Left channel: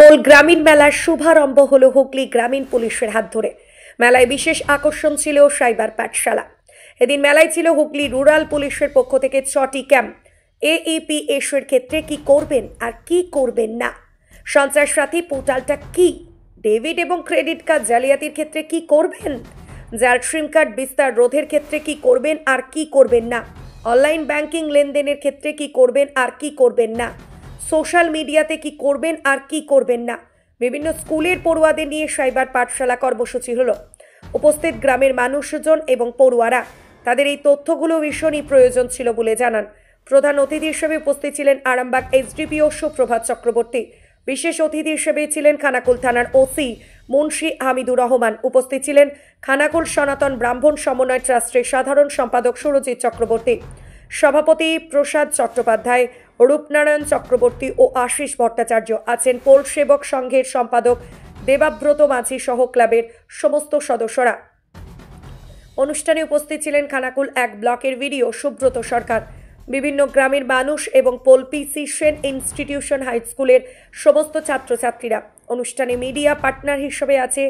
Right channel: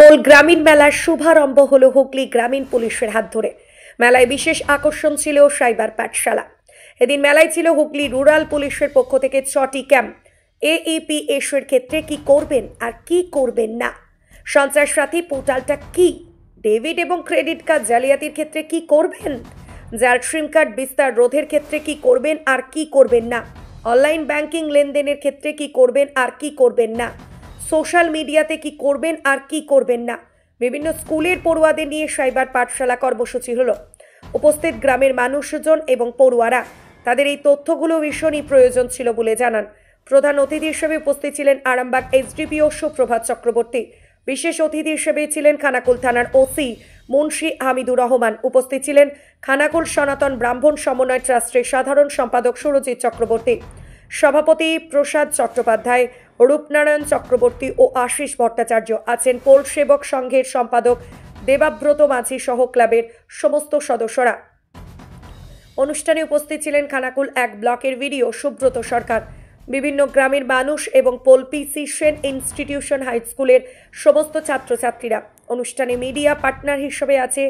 Pole গ্রামীণ মেলার শুভারম্ভ হলো হুগলি গ্রামীণ পুলিশের হাত ধরে। মেলায় বিশেষ আকর্ষণ ছিল সাইবার পাঠশালা। এদিন মেলায় ছিল হুগলি রুরাল পুলিশের পক্ষ থেকে 6টি ক্যাম্প। AEPS এর ক্ষেত্রে কি করবেন আর কি করবেন না, সন্ত্রাসবাদী পোর্টালটা কি, ডেবিট এবং ক্রেডিট কার্ড জালিয়াতির ক্ষেত্রে কি করবেন, যার সিম কার্ড বিস্তার রোধের ক্ষেত্রে কি করবেন আর কি করবেন না, অনলাইন ব্যাংকিং লেনদেনের ক্ষেত্রে কি করবেন আর কি করবেন না, সোশ্যাল মিডিয়াতে কি করবেন আর কি করবেন না, বিভিন্ন স্কুলের পড়ুয়াদের নিয়ে সাইবার পাঠশালা কর্মসূচি হলো। উপস্থিত গ্রামের মানুষজন এবং পড়ুয়ারা তাদের এই তথ্যগুলো ভীষণই প্রয়োজন ছিল বলে জানান। প্রধান অতিথি হিসেবে উপস্থিত ছিলেন আরামবাগ SDPO সুপ্রভাত চক্রবর্তী। বিশেষ অতিথি হিসেবে ছিলেন খানাকুল থানার OC মুন্সি হামিদুর রহমান। উপস্থিত ছিলেন খানাকুল সনাতন ব্রাহ্মণ সমন্বয় ট্রাস্টের সাধারণ সম্পাদক সুরজিৎ চক্রবর্তী, সভাপতি প্রসাদ চট্টোপাধ্যায়, রূপনারায়ণ চক্রবর্তী ও আশিস ভট্টাচার্য। আছেন পোল সেবক সংঘের সম্পাদক দেবাব্রত মাঝি সহ ক্লাবের সমস্ত সদস্যরা। অনুষ্ঠানে উপস্থিত ছিলেন খানাকুল 1 ব্লকের ভিডিও সুব্রত সরকার, বিভিন্ন গ্রামের মানুষ এবং Pol PC Sen institution high স্কুলের সমস্ত ছাত্রছাত্রীরা। অনুষ্ঠানে মিডিয়া পার্টনার হিসেবে আছে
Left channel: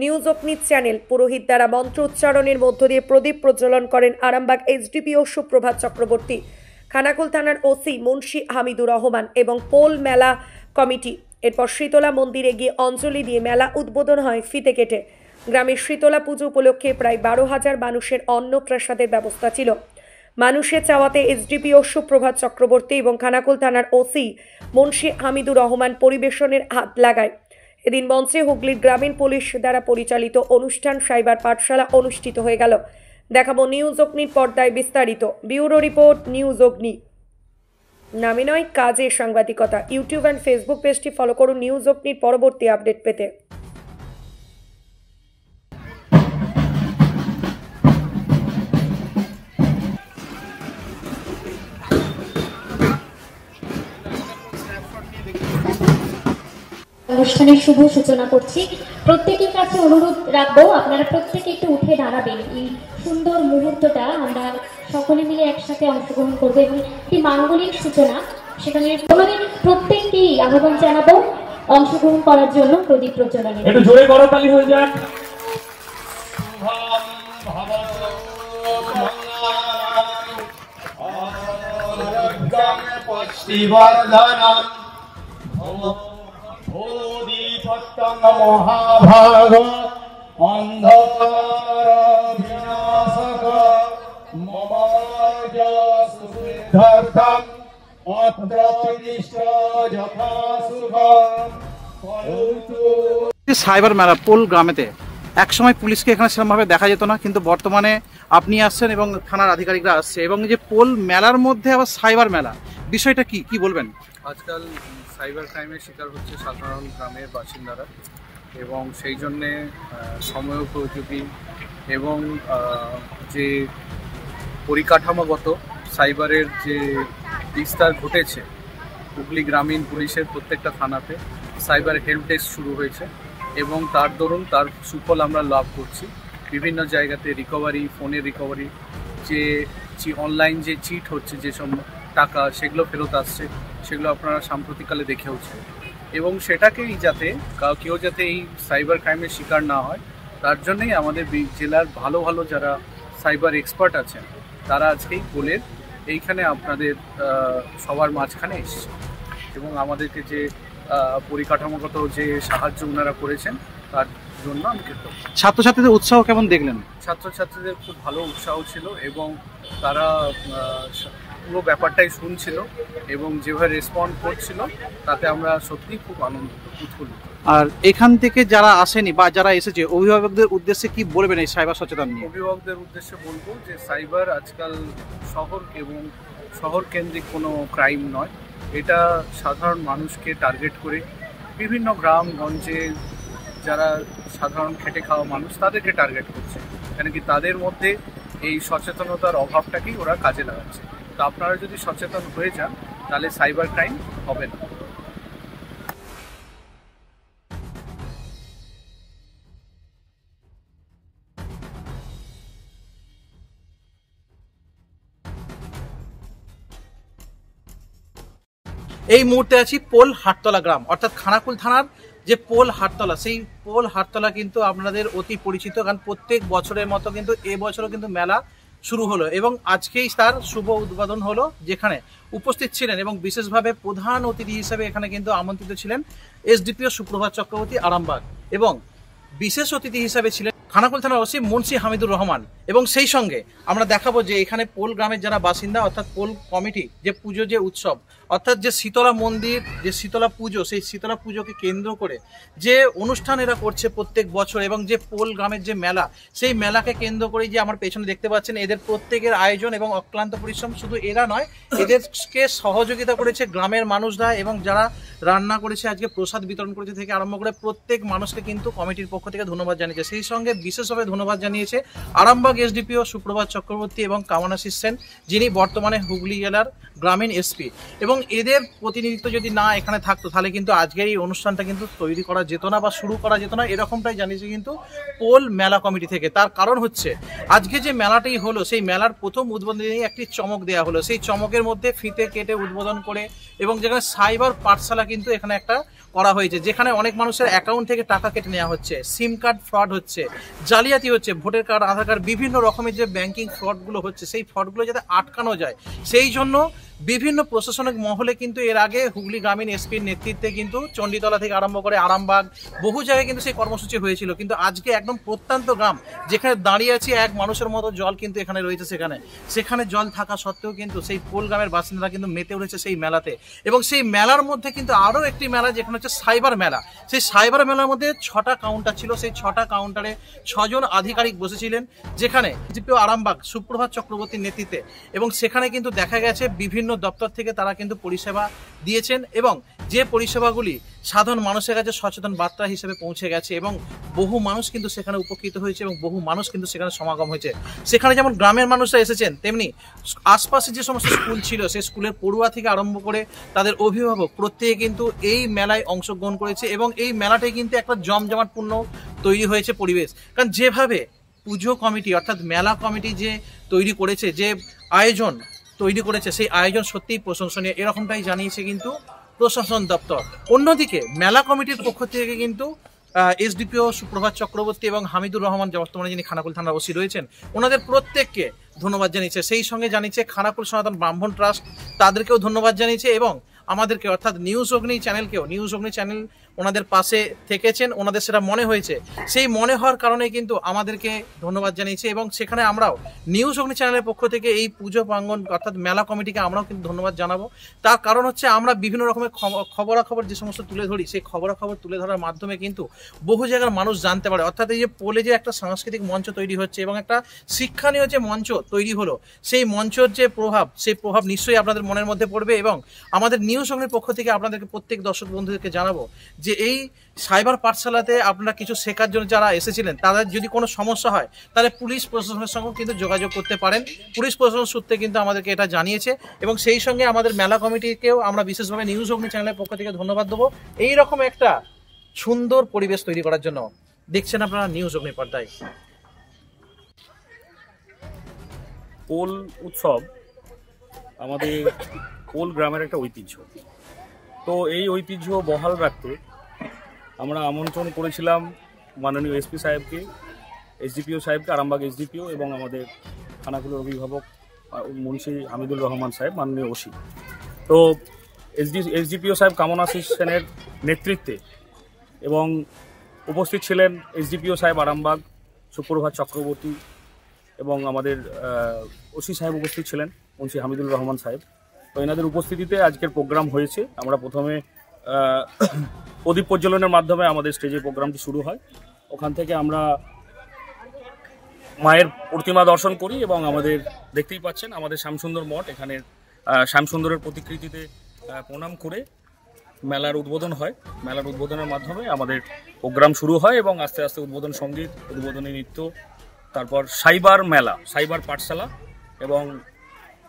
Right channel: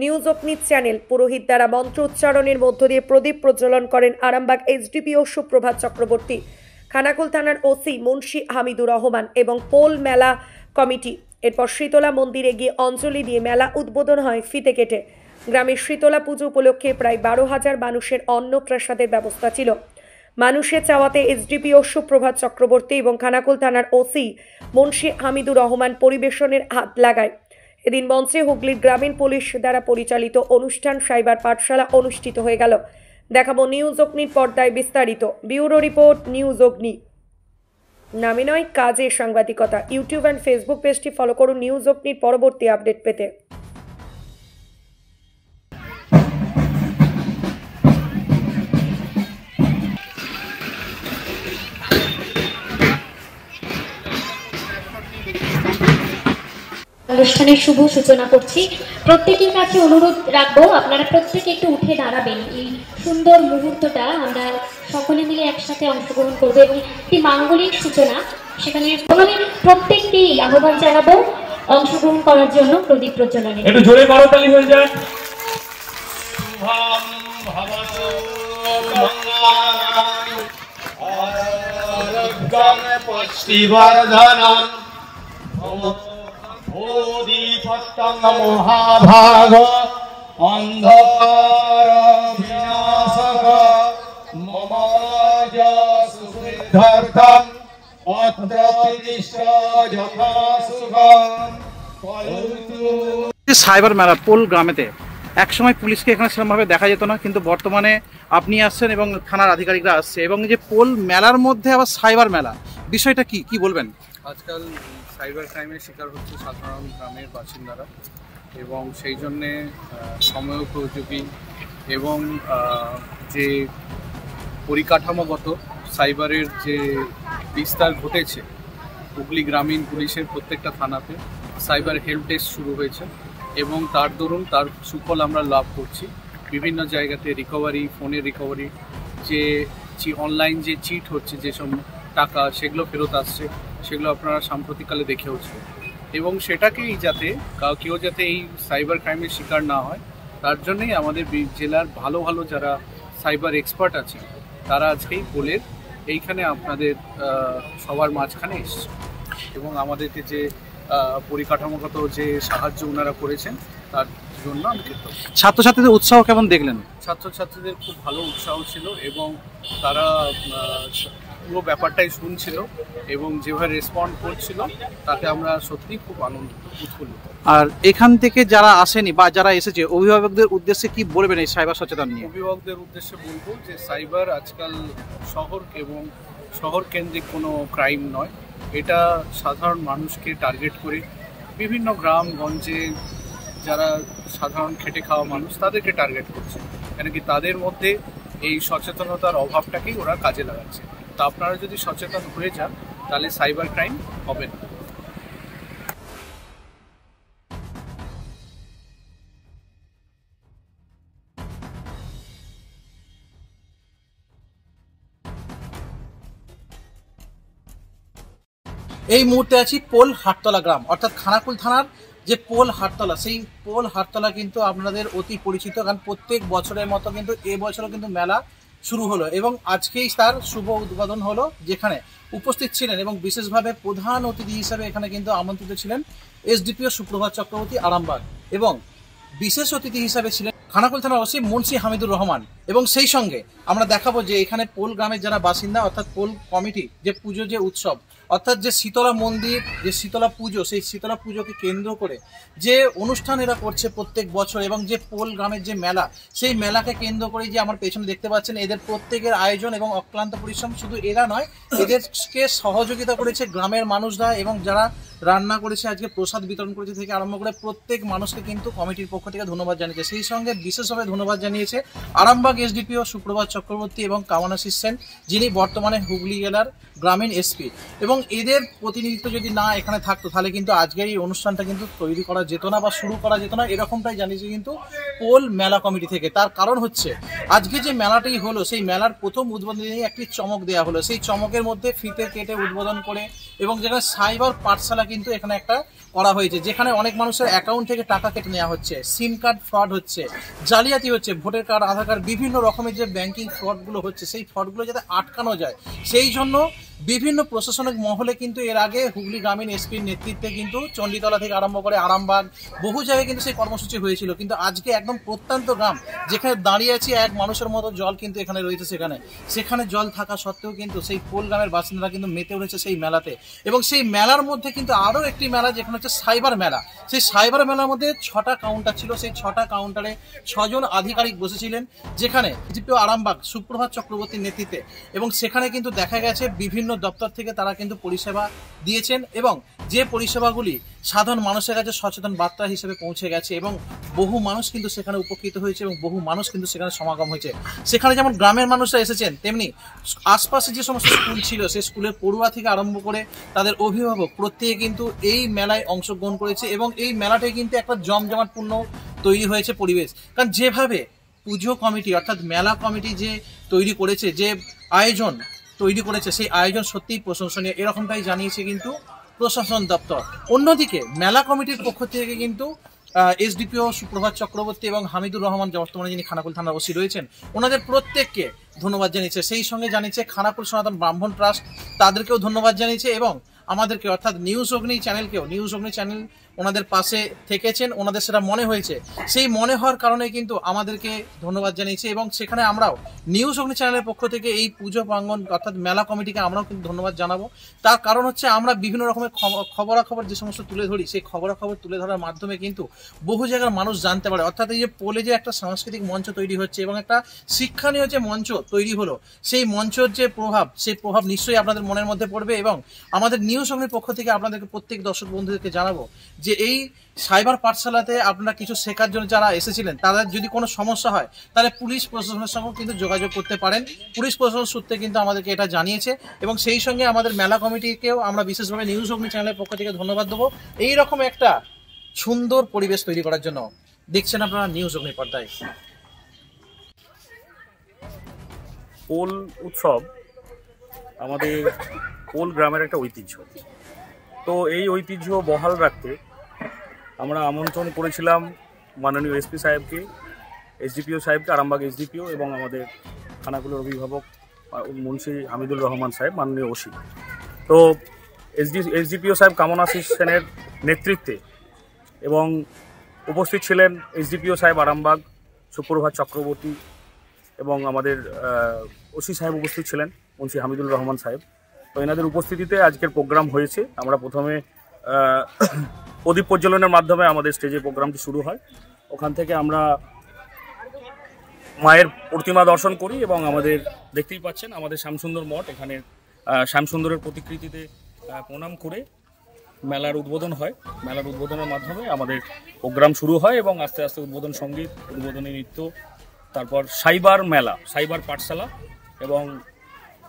নিউজ অগ্নি চ্যানেল। পুরোহিত দ্বারা মন্ত্র উচ্চারণের মধ্য দিয়ে প্রদীপ প্রজ্বলন করেন আরামবাগ SDPO সুপ্রভাত চক্রবর্তী, খানাকুল থানার OC মুন্সি হামিদুর রহমান এবং পোল মেলা কমিটি। এরপর শীতলা মন্দিরে গিয়ে অঞ্জলি দিয়ে মেলা উদ্বোধন হয় ফিতে কেটে। গ্রামের শীতলা পুজো উপলক্ষে প্রায় 12,000 মানুষের অন্নপ্রসাদের ব্যবস্থা ছিল। মানুষের চাওয়াতে SDPO সুপ্রভাত চক্রবর্তী এবং খানাকুল থানার OC মুন্সি হামিদুর রহমান পরিবেশনের হাত লাগায়। এদিন মঞ্চে হুগলির গ্রামীণ পুলিশ দ্বারা পরিচালিত অনুষ্ঠান সাইবার পাঠশালা অনুষ্ঠিত হয়ে গেল। দেখাবো নিউজ অগ্নির পর্দায় বিস্তারিত। ব্যুরো রিপোর্ট, নিউজ অগ্নি। নামে নয় কাজে সাংবাদিকতা। ইউটিউব অ্যান্ড ফেসবুক পেজটি ফলো করুন নিউজ অগ্নির পরবর্তী আপডেট পেতে। অনুষ্ঠানের শুভ সূচনা করছি। প্রত্যেকের কাছে অনুরোধ রাখবো, আপনারা প্রত্যেকে একটু উঠে দাঁড়াবেন। এই সুন্দর মুহূর্তটা আমরা সকলে মিলে একসাথে অংশগ্রহণ করবো এবং একটি মাঙ্গলিক সূচনা, সেখানে প্রত্যেককেই আহ্বান জানাবো অংশগ্রহণ করার জন্য প্রদীপ প্রজ্বলনে। একটু জোরে করতালি হয়ে যায়। মহাভাগ অন্ধকার বিনাশক মমাজ সুসিদ্ধার্থম অত্রদিষ্ট যথা সুখম। সাইবার মেলা পোল গ্রামেতে একসময় পুলিশকে এখানে সেরকমভাবে দেখা যেত না, কিন্তু বর্তমানে আপনি আসছেন এবং থানার আধিকারিকরা আসছে, এবং যে পোল মেলার মধ্যে আবার সাইবার মেলা, বিষয়টা কি বলবেন? আজকাল সাইবার ক্রাইমের শিকার হচ্ছে সাধারণ গ্রামের বাসিন্দারা, এবং সেই জন্যে সময়োপযোগী এবং যে পরিকাঠামোগত সাইবারের যে বিস্তার ঘটেছে, হুগলি গ্রামীণ পুলিশের প্রত্যেকটা থানাতে সাইবার হেল্প ডেস্ক শুরু হয়েছে এবং তার দরুন তার সুফল আমরা লাভ করছি। বিভিন্ন জায়গাতে রিকভারি, ফোনের রিকভারি, যে অনলাইন যে চিট হচ্ছে, যেসব টাকা সেগুলো ফেরত আসছে, সেগুলো আপনারা সাম্প্রতিককালে দেখেওছে, এবং সেটাকেই যাতে কেউ যাতে এই সাইবার ক্রাইমের শিকার না হয়, তার জন্যই আমাদের জেলার ভালো ভালো যারা সাইবার এক্সপার্ট আছেন তারা আজকেই পোলের এইখানে আপনাদের সবার মাঝখানে এসেছে, এবং আমাদেরকে যে পরিকাঠামোগত যে সাহায্য ওনারা করেছেন তার জন্য আমি কৃতজ্ঞ। ছাত্রছাত্রীদের উৎসাহ কেমন দেখলেন? ছাত্রছাত্রীদের খুব ভালো উৎসাহ ছিল, এবং তারা পুরো ব্যাপারটাই শুনছিল এবং যেভাবে রেসপন্ড করছিল তাতে আমরা সত্যিই খুব আনন্দিত, উৎফুল্লিত। আর এখান থেকে যারা আসেনি বা যারা এসেছে, অভিভাবকদের উদ্দেশ্যে কি বলবেন এই সাইবার সচেতন নিয়ে? অভিভাবকদের উদ্দেশ্যে বলবো যে সাইবার আজকাল শহর এবং শহর কেন্দ্রিক কোনো ক্রাইম নয়, এটা সাধারণ মানুষকে টার্গেট করে বিভিন্ন গ্রামগঞ্জে যারা সাধারণ খেটে খাওয়া মানুষ তাদেরকে টার্গেট করছে, কেন কি তাদের মধ্যে এই সচেতনতার অভাবটাকেই ওরা কাজে লাগাচ্ছে। তো আপনারা যদি সচেতন হয়ে যান তাহলে সাইবার ক্রাইম হবে না। এই মুহূর্তে আছি পোল হাটতলা গ্রাম, অর্থাৎ খানাকুল থানার যে পোল হাটতলা, সেই পোল হাটতলা কিন্তু আপনাদের অতি পরিচিত, কারণ প্রত্যেক বছরের মতো কিন্তু এবছরও কিন্তু মেলা শুরু হলো এবং আজকেই তার শুভ উদ্বোধন হলো, যেখানে উপস্থিত ছিলেন এবং বিশেষভাবে প্রধান অতিথি হিসেবে এখানে কিন্তু আমন্ত্রিত ছিলেন এসডিপিও সুপ্রভাত চক্রবর্তী আরামবাগ এবং বিশেষ অতিথি হিসেবে ছিলেন খানাকুল থানার ওসি মুন্সি হামিদুর রহমান। এবং সেই সঙ্গে আমরা দেখাবো যে এখানে পোল গ্রামের যারা বাসিন্দা, অর্থাৎ পোল কমিটি, যে পুজো, যে উৎসব, অর্থাৎ যে শীতলা মন্দির, যে শীতলা পুজো, সেই শীতলা পুজোকে কেন্দ্র করে যে অনুষ্ঠান এরা করছে প্রত্যেক বছর, এবং যে পোল গ্রামের যে মেলা, সেই মেলাকে কেন্দ্র করে যে আমার পেছনে দেখতে পাচ্ছেন, এদের প্রত্যেকের আয়োজন এবং অক্লান্ত পরিশ্রম। শুধু এরা নয়, এদেরকে সহযোগিতা করেছে গ্রামের মানুষরা, এবং যারা রান্না করেছে, আজকে প্রসাদ বিতরণ করেছে থেকে আরম্ভ করে প্রত্যেক মানুষকে কিন্তু কমিটির পক্ষ থেকে ধন্যবাদ জানিয়েছে। সেই সঙ্গে বিশেষভাবে ধন্যবাদ জানিয়েছে আরামবাগ এসডিপিও সুপ্রভাত চক্রবর্তী এবং কামনাশিস সেন, যিনি বর্তমানে হুগলি জেলার গ্রামীণ এসপি। এবং এদের প্রতিনিধিত্ব যদি না এখানে থাকতো, তাহলে কিন্তু আজকের এই অনুষ্ঠানটা কিন্তু তৈরি করা যেত না বা শুরু করা যেত না, এরকমটাই জানিয়েছে কিন্তু পোল মেলা কমিটি থেকে। তার কারণ হচ্ছে আজকে যে মেলাটি হলো, সেই মেলার প্রথম উদ্বোধনে একটি চমক দেওয়া হলো। সেই চমকের মধ্যে ফিতে কেটে উদ্বোধন করে, এবং যেখানে সাইবার পাঠশালা কিন্তু এখানে একটা করা হয়েছে, যেখানে অনেক মানুষের অ্যাকাউন্ট থেকে টাকা কেটে নেওয়া হচ্ছে, সিম কার্ড ফ্রড হচ্ছে, জালিয়াতি হচ্ছে, ভোটার কার্ড, আধার কার্ড, বিভিন্ন রকমের যে ব্যাংকিং ফ্রডগুলো হচ্ছে, সেই ফ্রডগুলো যাতে আটকানো যায়, সেই জন্য বিভিন্ন প্রশাসনিক মহলে কিন্তু এর আগে হুগলি গ্রামীণ এসপির নেতৃত্বে কিন্তু চণ্ডীতলা থেকে আরম্ভ করে আরামবাগ বহু জায়গায় কিন্তু সেই কর্মসূচি হয়েছিল। কিন্তু আজকে একদম প্রত্যন্ত গ্রাম, যেখানে দাঁড়িয়ে আছি এক মানুষের মতো জল কিন্তু এখানে রয়েছে, সেখানে জল থাকা সত্ত্বেও কিন্তু সেই পোল গ্রামের বাসিন্দারা কিন্তু মেতে উঠেছে সেই মেলাতে। এবং সেই মেলার মধ্যে কিন্তু আরও একটি মেলা, যেখানে হচ্ছে সাইবার মেলা। সেই সাইবার মেলার মধ্যে 6টা কাউন্টার ছিল, সেই 6টা কাউন্টারে 6 জন আধিকারিক বসেছিলেন, যেখানে এসডিপিও আরামবাগ সুপ্রভাত চক্রবর্তীর নেতৃত্বে। এবং সেখানে কিন্তু দেখা গেছে বিভিন্ন দপ্তর থেকে তারা কিন্তু পরিষেবা দিয়েছেন, এবং যে পরিষেবাগুলি সাধারণ মানুষের কাছে সচেতন বার্তা হিসেবে পৌঁছে গেছে, এবং বহু মানুষ কিন্তু সেখানে উপকৃত হয়েছে, এবং বহু মানুষ কিন্তু সেখানে সমাগম হয়েছে। সেখানে যেমন গ্রামের মানুষরা এসেছেন, তেমনি আশপাশে যে সমস্ত স্কুল ছিল, সেই স্কুলের পড়ুয়া থেকে আরম্ভ করে তাদের অভিভাবক প্রত্যেকে কিন্তু এই মেলায় অংশগ্রহণ করেছে। এবং এই মেলাটাই কিন্তু একটা জমজমাটপূর্ণ তৈরি হয়েছে পরিবেশ, কারণ যেভাবে পুজো কমিটি অর্থাৎ মেলা কমিটি যে তৈরি করেছে, যে আয়োজন তৈরি করেছে, সেই আয়োজন সত্যিই প্রশংসনীয়, এরকমটাই জানিয়েছে কিন্তু প্রশাসন দপ্তর। অন্যদিকে মেলা কমিটির পক্ষ থেকে কিন্তু এসডিপিও সুপ্রভাত চক্রবর্তী এবং হামিদুর রহমান, বর্তমানে যিনি খানাকুল থানার ওসি রয়েছেন, ওনাদের প্রত্যেককে ধন্যবাদ জানিয়েছে। সেই সঙ্গে জানিয়েছে খানাকুল সনাতন ব্রাহ্মণ ট্রাস্ট, তাদেরকেও ধন্যবাদ জানিয়েছে, এবং আমাদেরকে অর্থাৎ নিউজ অগ্নি চ্যানেল ওনাদের পাশে থেকেছেন, ওনাদের সেটা মনে হয়েছে, সেই মনে হওয়ার কারণে কিন্তু আমাদেরকে ধন্যবাদ জানিয়েছে। এবং সেখানে আমরাও নিউজ অগ্নি চ্যানেলের পক্ষ থেকে এই পুজো প্রাঙ্গণ অর্থাৎ মেলা কমিটিকে আমরাও কিন্তু ধন্যবাদ জানাবো। তার কারণ হচ্ছে আমরা বিভিন্ন রকমের খবরাখবর যে সমস্ত তুলে ধরি, সেই খবরাখবর তুলে ধরার মাধ্যমে কিন্তু বহু জায়গার মানুষ জানতে পারে। অর্থাৎ এই যে পোলে যে একটা সাংস্কৃতিক মঞ্চ তৈরি হচ্ছে এবং একটা শিক্ষণীয় যে মঞ্চ তৈরি হলো, সেই মঞ্চের যে প্রভাব, সেই প্রভাব নিশ্চয়ই আপনাদের মনের মধ্যে পড়বে। এবং আমাদের নিউজ অগ্নির পক্ষ থেকে আপনাদেরকে প্রত্যেক দর্শক বন্ধুদেরকে জানাবো যে এই সাইবার পাঠশালাতে আপনারা কিছু শেখার জন্য যারা এসেছিলেন, তাদের যদি কোনো সমস্যা হয়, তাহলে পুলিশ প্রশাসনের সঙ্গে কিন্তু যোগাযোগ করতে পারেন। পুলিশ প্রশাসন সূত্রে কিন্তু আমাদেরকে এটা জানিয়েছে। এবং সেই সঙ্গে আমাদের মেলা কমিটিকেও আমরা বিশেষভাবে নিউজ অগ্নি চ্যানেলের পক্ষ থেকে ধন্যবাদ দেবো, এইরকম একটা সুন্দর পরিবেশ তৈরি করার জন্য। দেখছেন আপনারা নিউজ অগ্নি পর্দায়। পোল উৎসব আমাদের পোল গ্রামের একটা ঐতিহ্য। তো এই ঐতিহ্য বহাল রাখতে আমরা আমন্ত্রণ করেছিলাম মাননীয় এসপি সাহেবকে, এসডিপিও সাহেবকে, আরামবাগ এসডিপিও, এবং আমাদের খানাকুলের অভিভাবক মুন্সি হামিদুর রহমান সাহেব, মাননীয় ওসি। তো এসডিপিও সাহেব কামনাশিস সেনের নেতৃত্বে, এবং উপস্থিত ছিলেন এসডিপিও সাহেব আরামবাগ সুপ্রভাত চক্রবর্তী, এবং আমাদের ওসি সাহেব উপস্থিত ছিলেন মুন্সি হামিদুর রহমান সাহেব। তো এনাদের উপস্থিতিতে আজকের প্রোগ্রাম হয়েছে। আমরা প্রথমে প্রদীপ প্রজ্বলনের মাধ্যমে আমাদের স্টেজে প্রোগ্রামটি শুরু হয়। ওখান থেকে আমরা মায়ের প্রতিমা দর্শন করি, এবং আমাদের দেখতেই পাচ্ছেন আমাদের শ্যামসুন্দর মঠ, এখানের শ্যামসুন্দরের প্রতিকৃতিতে প্রণাম করে মেলার উদ্বোধন হয়। মেলার উদ্বোধনের মাধ্যমে আমাদের প্রোগ্রাম শুরু হয়, এবং আস্তে আস্তে উদ্বোধন সঙ্গীত, উদ্বোধনী নৃত্য, তারপর সাইবার মেলা, সাইবার পাঠশালা, এবং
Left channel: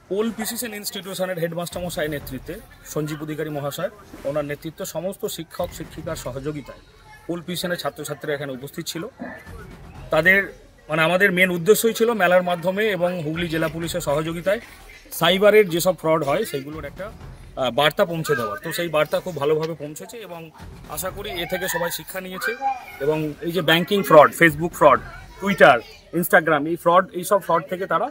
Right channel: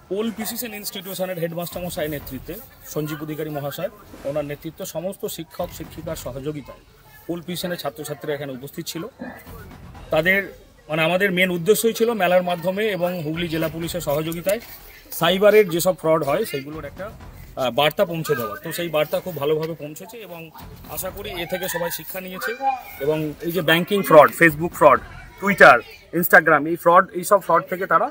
পোল পিসিসিএন ইনস্টিটিউশনের হেডমাস্টার মশাই নেতৃত্বে, সঞ্জীব অধিকারী মহাশয়, ওনার নেতৃত্ব, সমস্ত শিক্ষক শিক্ষিকার সহযোগিতায় পোল পিসিসিএনের ছাত্রছাত্রীরা এখানে উপস্থিত ছিল। তাদের আমাদের মেন উদ্দেশ্যই ছিল মেলার মাধ্যমে এবং হুগলি জেলা পুলিশের সহযোগিতায় সাইবারের যেসব ফ্রড হয় সেগুলোর একটা বার্তা পৌঁছে দেওয়ার। তো সেই বার্তা খুব ভালোভাবে পৌঁছেছে এবং আশা করি এ থেকে সবাই শিক্ষা নিয়েছে এবং এই যে banking fraud, Facebook fraud, Twitter, Instagram, এইসব ফ্রড থেকে তারা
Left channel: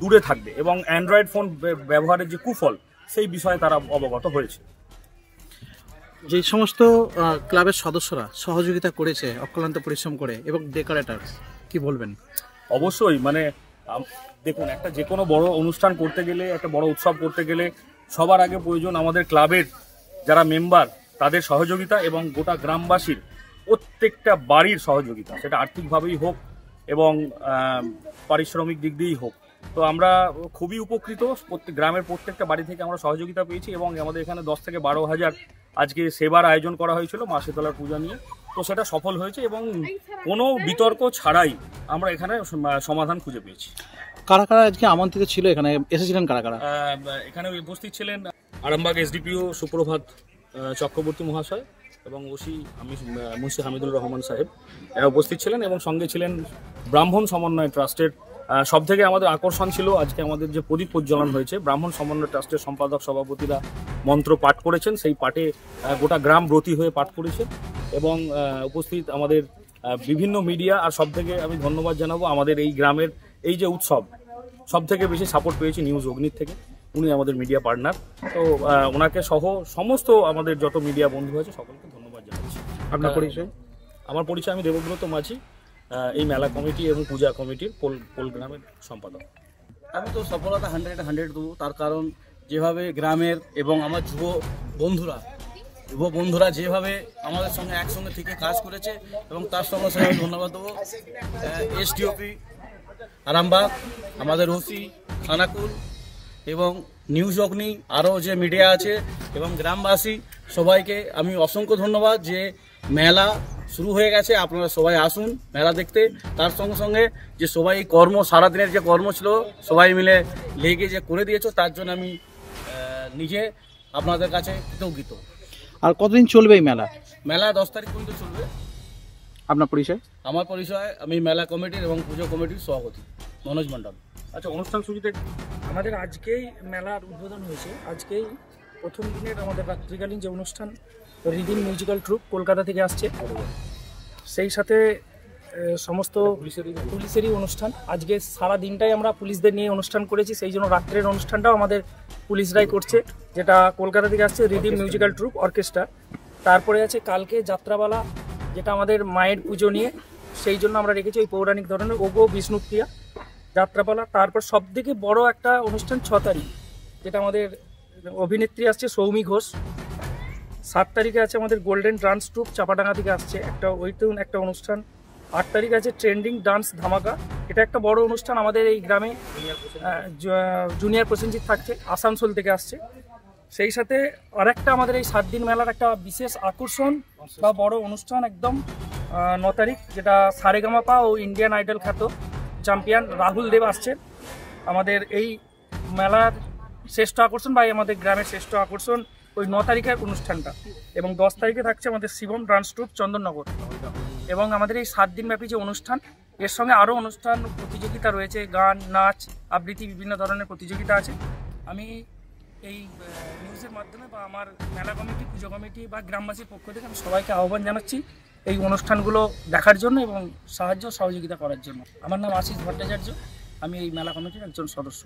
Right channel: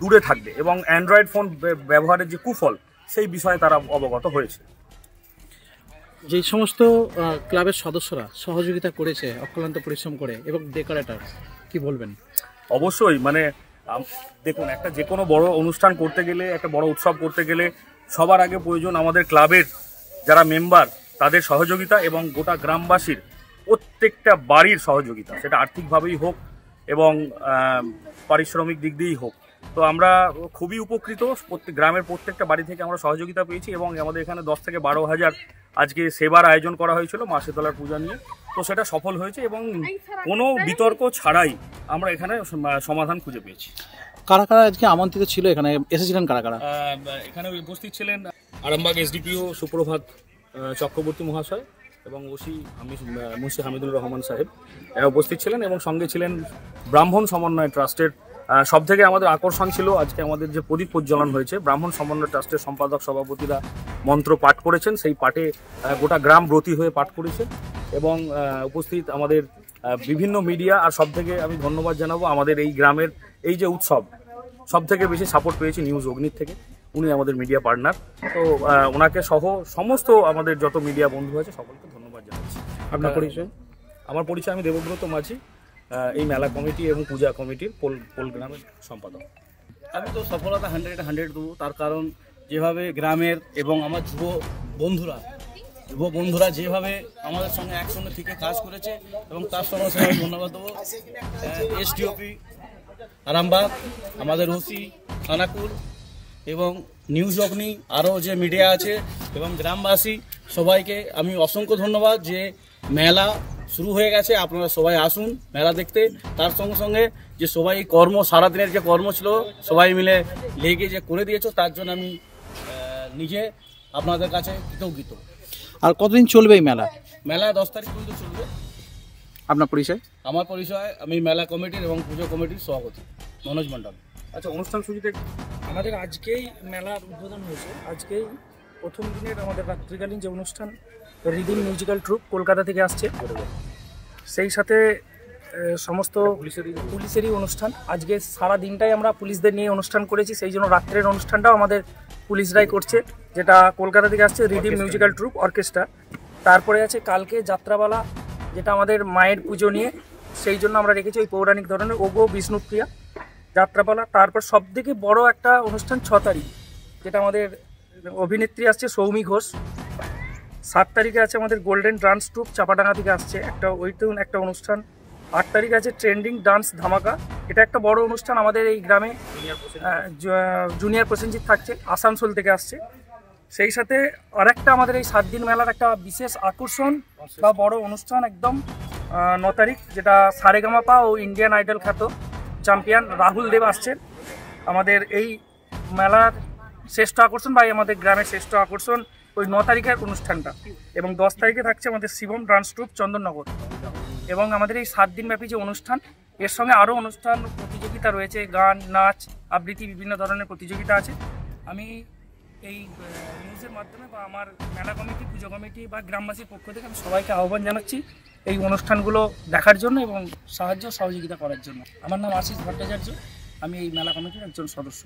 দূরে থাকবে এবং অ্যান্ড্রয়েড ফোন ব্যবহারের যে কুফল সেই বিষয়ে তারা অবগত হয়েছে। যে সমস্ত ক্লাবের সদস্যরা সহযোগিতা করেছে অক্লান্ত পরিশ্রম করে এবং ডেকোরেটর, কি বলবেন? অবশ্যই মানে দেখুন, একটা যে কোনো বড় অনুষ্ঠান করতে গেলে, একটা বড় উৎসব করতে গেলে সবার আগে প্রয়োজন আমাদের ক্লাবের যারা মেম্বার তাদের সহযোগিতা এবং গোটা গ্রামবাসীর প্রত্যেকটা বাড়ির সহযোগিতা, সেটা আর্থিকভাবেই হোক এবং পারিশ্রমিক দিক দিয়েই হোক। তো আমরা খুবই উপকৃত, গ্রামের প্রত্যেকটা বাড়ি থেকে আমরা সহযোগিতা পেয়েছি এবং আমাদের এখানে 10 থেকে 12,000 আজকে সেবার আয়োজন করা হয়েছিল মা শীতলার পূজা নিয়ে। তো সেটা সফল হয়েছে এবং কোনো বিতর্ক ছাড়াই আমরা এখানে সমাধান খুঁজে পেয়েছি। কারা কারা আজকে আমন্ত্রিত ছিল, এখানে এসেছিলেন কারা কারা? এখানে উপস্থিত ছিলেন আরামবাগ এসডিপিও সুপ্রভাত চক্রবর্তী মহাশয় এবং মুন্সি হামিদুল রহমান সাহেব, এরা উপস্থিত ছিলেন এবং সঙ্গে ছিলেন ব্রাহ্মণ সমন্বয় ট্রাস্টের। সব থেকে আমাদের আকর্ষণ ছিল আজকে আমাদের যে প্রদীপ প্রজ্বলন হয়েছে, ব্রাহ্মণ সমন্বয় ট্রাস্টের সম্পাদক সভাপতিরা মন্ত্র পাঠ করেছেন, সেই পাঠে গোটা গ্রাম ব্রতী হয়ে পাঠ করেছেন এবং উপস্থিত আমাদের বিভিন্ন মিডিয়া। আর সব থেকে আমি ধন্যবাদ জানাবো আমাদের এই গ্রামের এই যে উৎসব, সব থেকে বেশি সাপোর্ট পেয়েছি নিউজ অগ্নির থেকে, উনি আমাদের মিডিয়া পার্টনার। তো ওনাকে সহ সমস্ত আমাদের যত মিডিয়া বন্ধু আছে সকলকে ধন্যবাদ জানাচ্ছি। আপনার পরিচয়? আমার পরিচয়, আমি দেবব্রত মাঝি, এই মেলা কমিটি এবং পূজা কমিটির পোল গ্রামের সম্পাদক। আমি তো সফলতা 100 দেবো, তার কারণ যেভাবে গ্রামের এবং আমার যুব বন্ধুরা যেভাবে আমাদের সঙ্গে একসঙ্গে থেকে কাজ করেছে এবং তার সঙ্গে সঙ্গে আমি ধন্যবাদ দেবো এসডিওপি আরামবাগ, আমাদের ওসি খানাকুল এবং নিউজ অগ্নি, আরও যে মিডিয়া আছে এবং গ্রামবাসী সবাইকে আমি অসংখ্য ধন্যবাদ যে মেলা শুরু হয়ে গেছে, আপনারা সবাই আসুন মেলা দেখতে। তার সঙ্গে সঙ্গে যে সবাই সারাদিনের যে কর্ম ছিল সবাই মিলে লেগে যে করে দিয়েছো, তার জন্য আমি নিজে আপনাদের কাছে কৃতজ্ঞ। আর কতদিন চলবে এই মেলা? মেলা 10 তারিখ পর্যন্ত চলবে। আপনার পরিচয়? আমার পরিচয়, আমি মেলা কমিটির এবং পুজো কমিটির সভাপতি মনোজ মণ্ডল। আচ্ছা, অনুষ্ঠান সূচিতে আমাদের আজকেই মেলার উদ্বোধন হয়েছে। আজকেই প্রথম দিনের আমাদের রাত্রিকালীন যে অনুষ্ঠান, রিদিম মিউজিক্যাল ট্রুপ কলকাতা থেকে আসছে, সেই সাথে সমস্ত পুলিশেরই অনুষ্ঠান। আজকে সারা দিনটাই আমরা পুলিশদের নিয়ে অনুষ্ঠান করেছি, সেই জন্য রাত্রের অনুষ্ঠানটাও আমাদের পুলিশরাই করছে, যেটা কলকাতা থেকে আসছে রিদিম মিউজিক্যাল ট্রুপ অর্কেস্ট্রা। তারপরে আছে কালকে যাত্রাপালা, যেটা আমাদের মায়ের পুজো নিয়ে, সেই জন্য আমরা রেখেছি ওই পৌরাণিক ধরনের ওগো বিষ্ণুপ্রিয়া যাত্রাপালা। তারপর সবথেকে বড় একটা অনুষ্ঠান 6 তারিখ, যেটা আমাদের অভিনেত্রী আসছে সৌমি ঘোষ। 7 তারিখে আছে আমাদের গোল্ডেন ডান্স ট্রুপ চাপাডাঙ্গা থেকে আসছে, ওইটাও একটা অনুষ্ঠান। 8 তারিখ আছে ট্রেন্ডিং ডান্স ধামাকা, এটা একটা বড় অনুষ্ঠান আমাদের এই গ্রামে। জুনিয়র প্রসেনজিৎ থাকছে, আসানসোল থেকে আসছে। সেই সাথে আরেকটা আমাদের এই 7 দিন মেলার একটা বিশেষ আকর্ষণ বা বড় অনুষ্ঠান একদম 9 তারিখ, যেটা সারেগামাপা ও ইন্ডিয়ান আইডল খ্যাত চ্যাম্পিয়ন রাহুল দেব আসছেন। আমাদের এই মেলার শ্রেষ্ঠ আকর্ষণ বা আমাদের গ্রামের শ্রেষ্ঠ আকর্ষণ ওই 9 তারিখের অনুষ্ঠানটা। এবং 10 তারিখে থাকছে আমাদের শিবম ডান্স ট্রুপ চন্দননগর। এবং আমাদের এই 7 দিনব্যাপী যে অনুষ্ঠান, এর সঙ্গে আরও অনুষ্ঠান প্রতিযোগিতা রয়েছে, গান, নাচ, আবৃত্তি, বিভিন্ন ধরনের প্রতিযোগিতা আছে। আমি এই নিউজের মাধ্যমে বা আমার মেলা কমিটি, পুজো কমিটি বা গ্রামবাসীর পক্ষ থেকে আমি সবাইকে আহ্বান জানাচ্ছি এই অনুষ্ঠানগুলো দেখার জন্য এবং সহযোগিতা করার জন্য। আমার নাম আশিস ভট্টাচার্য, আমি এই মেলা কমিটির একজন সদস্য।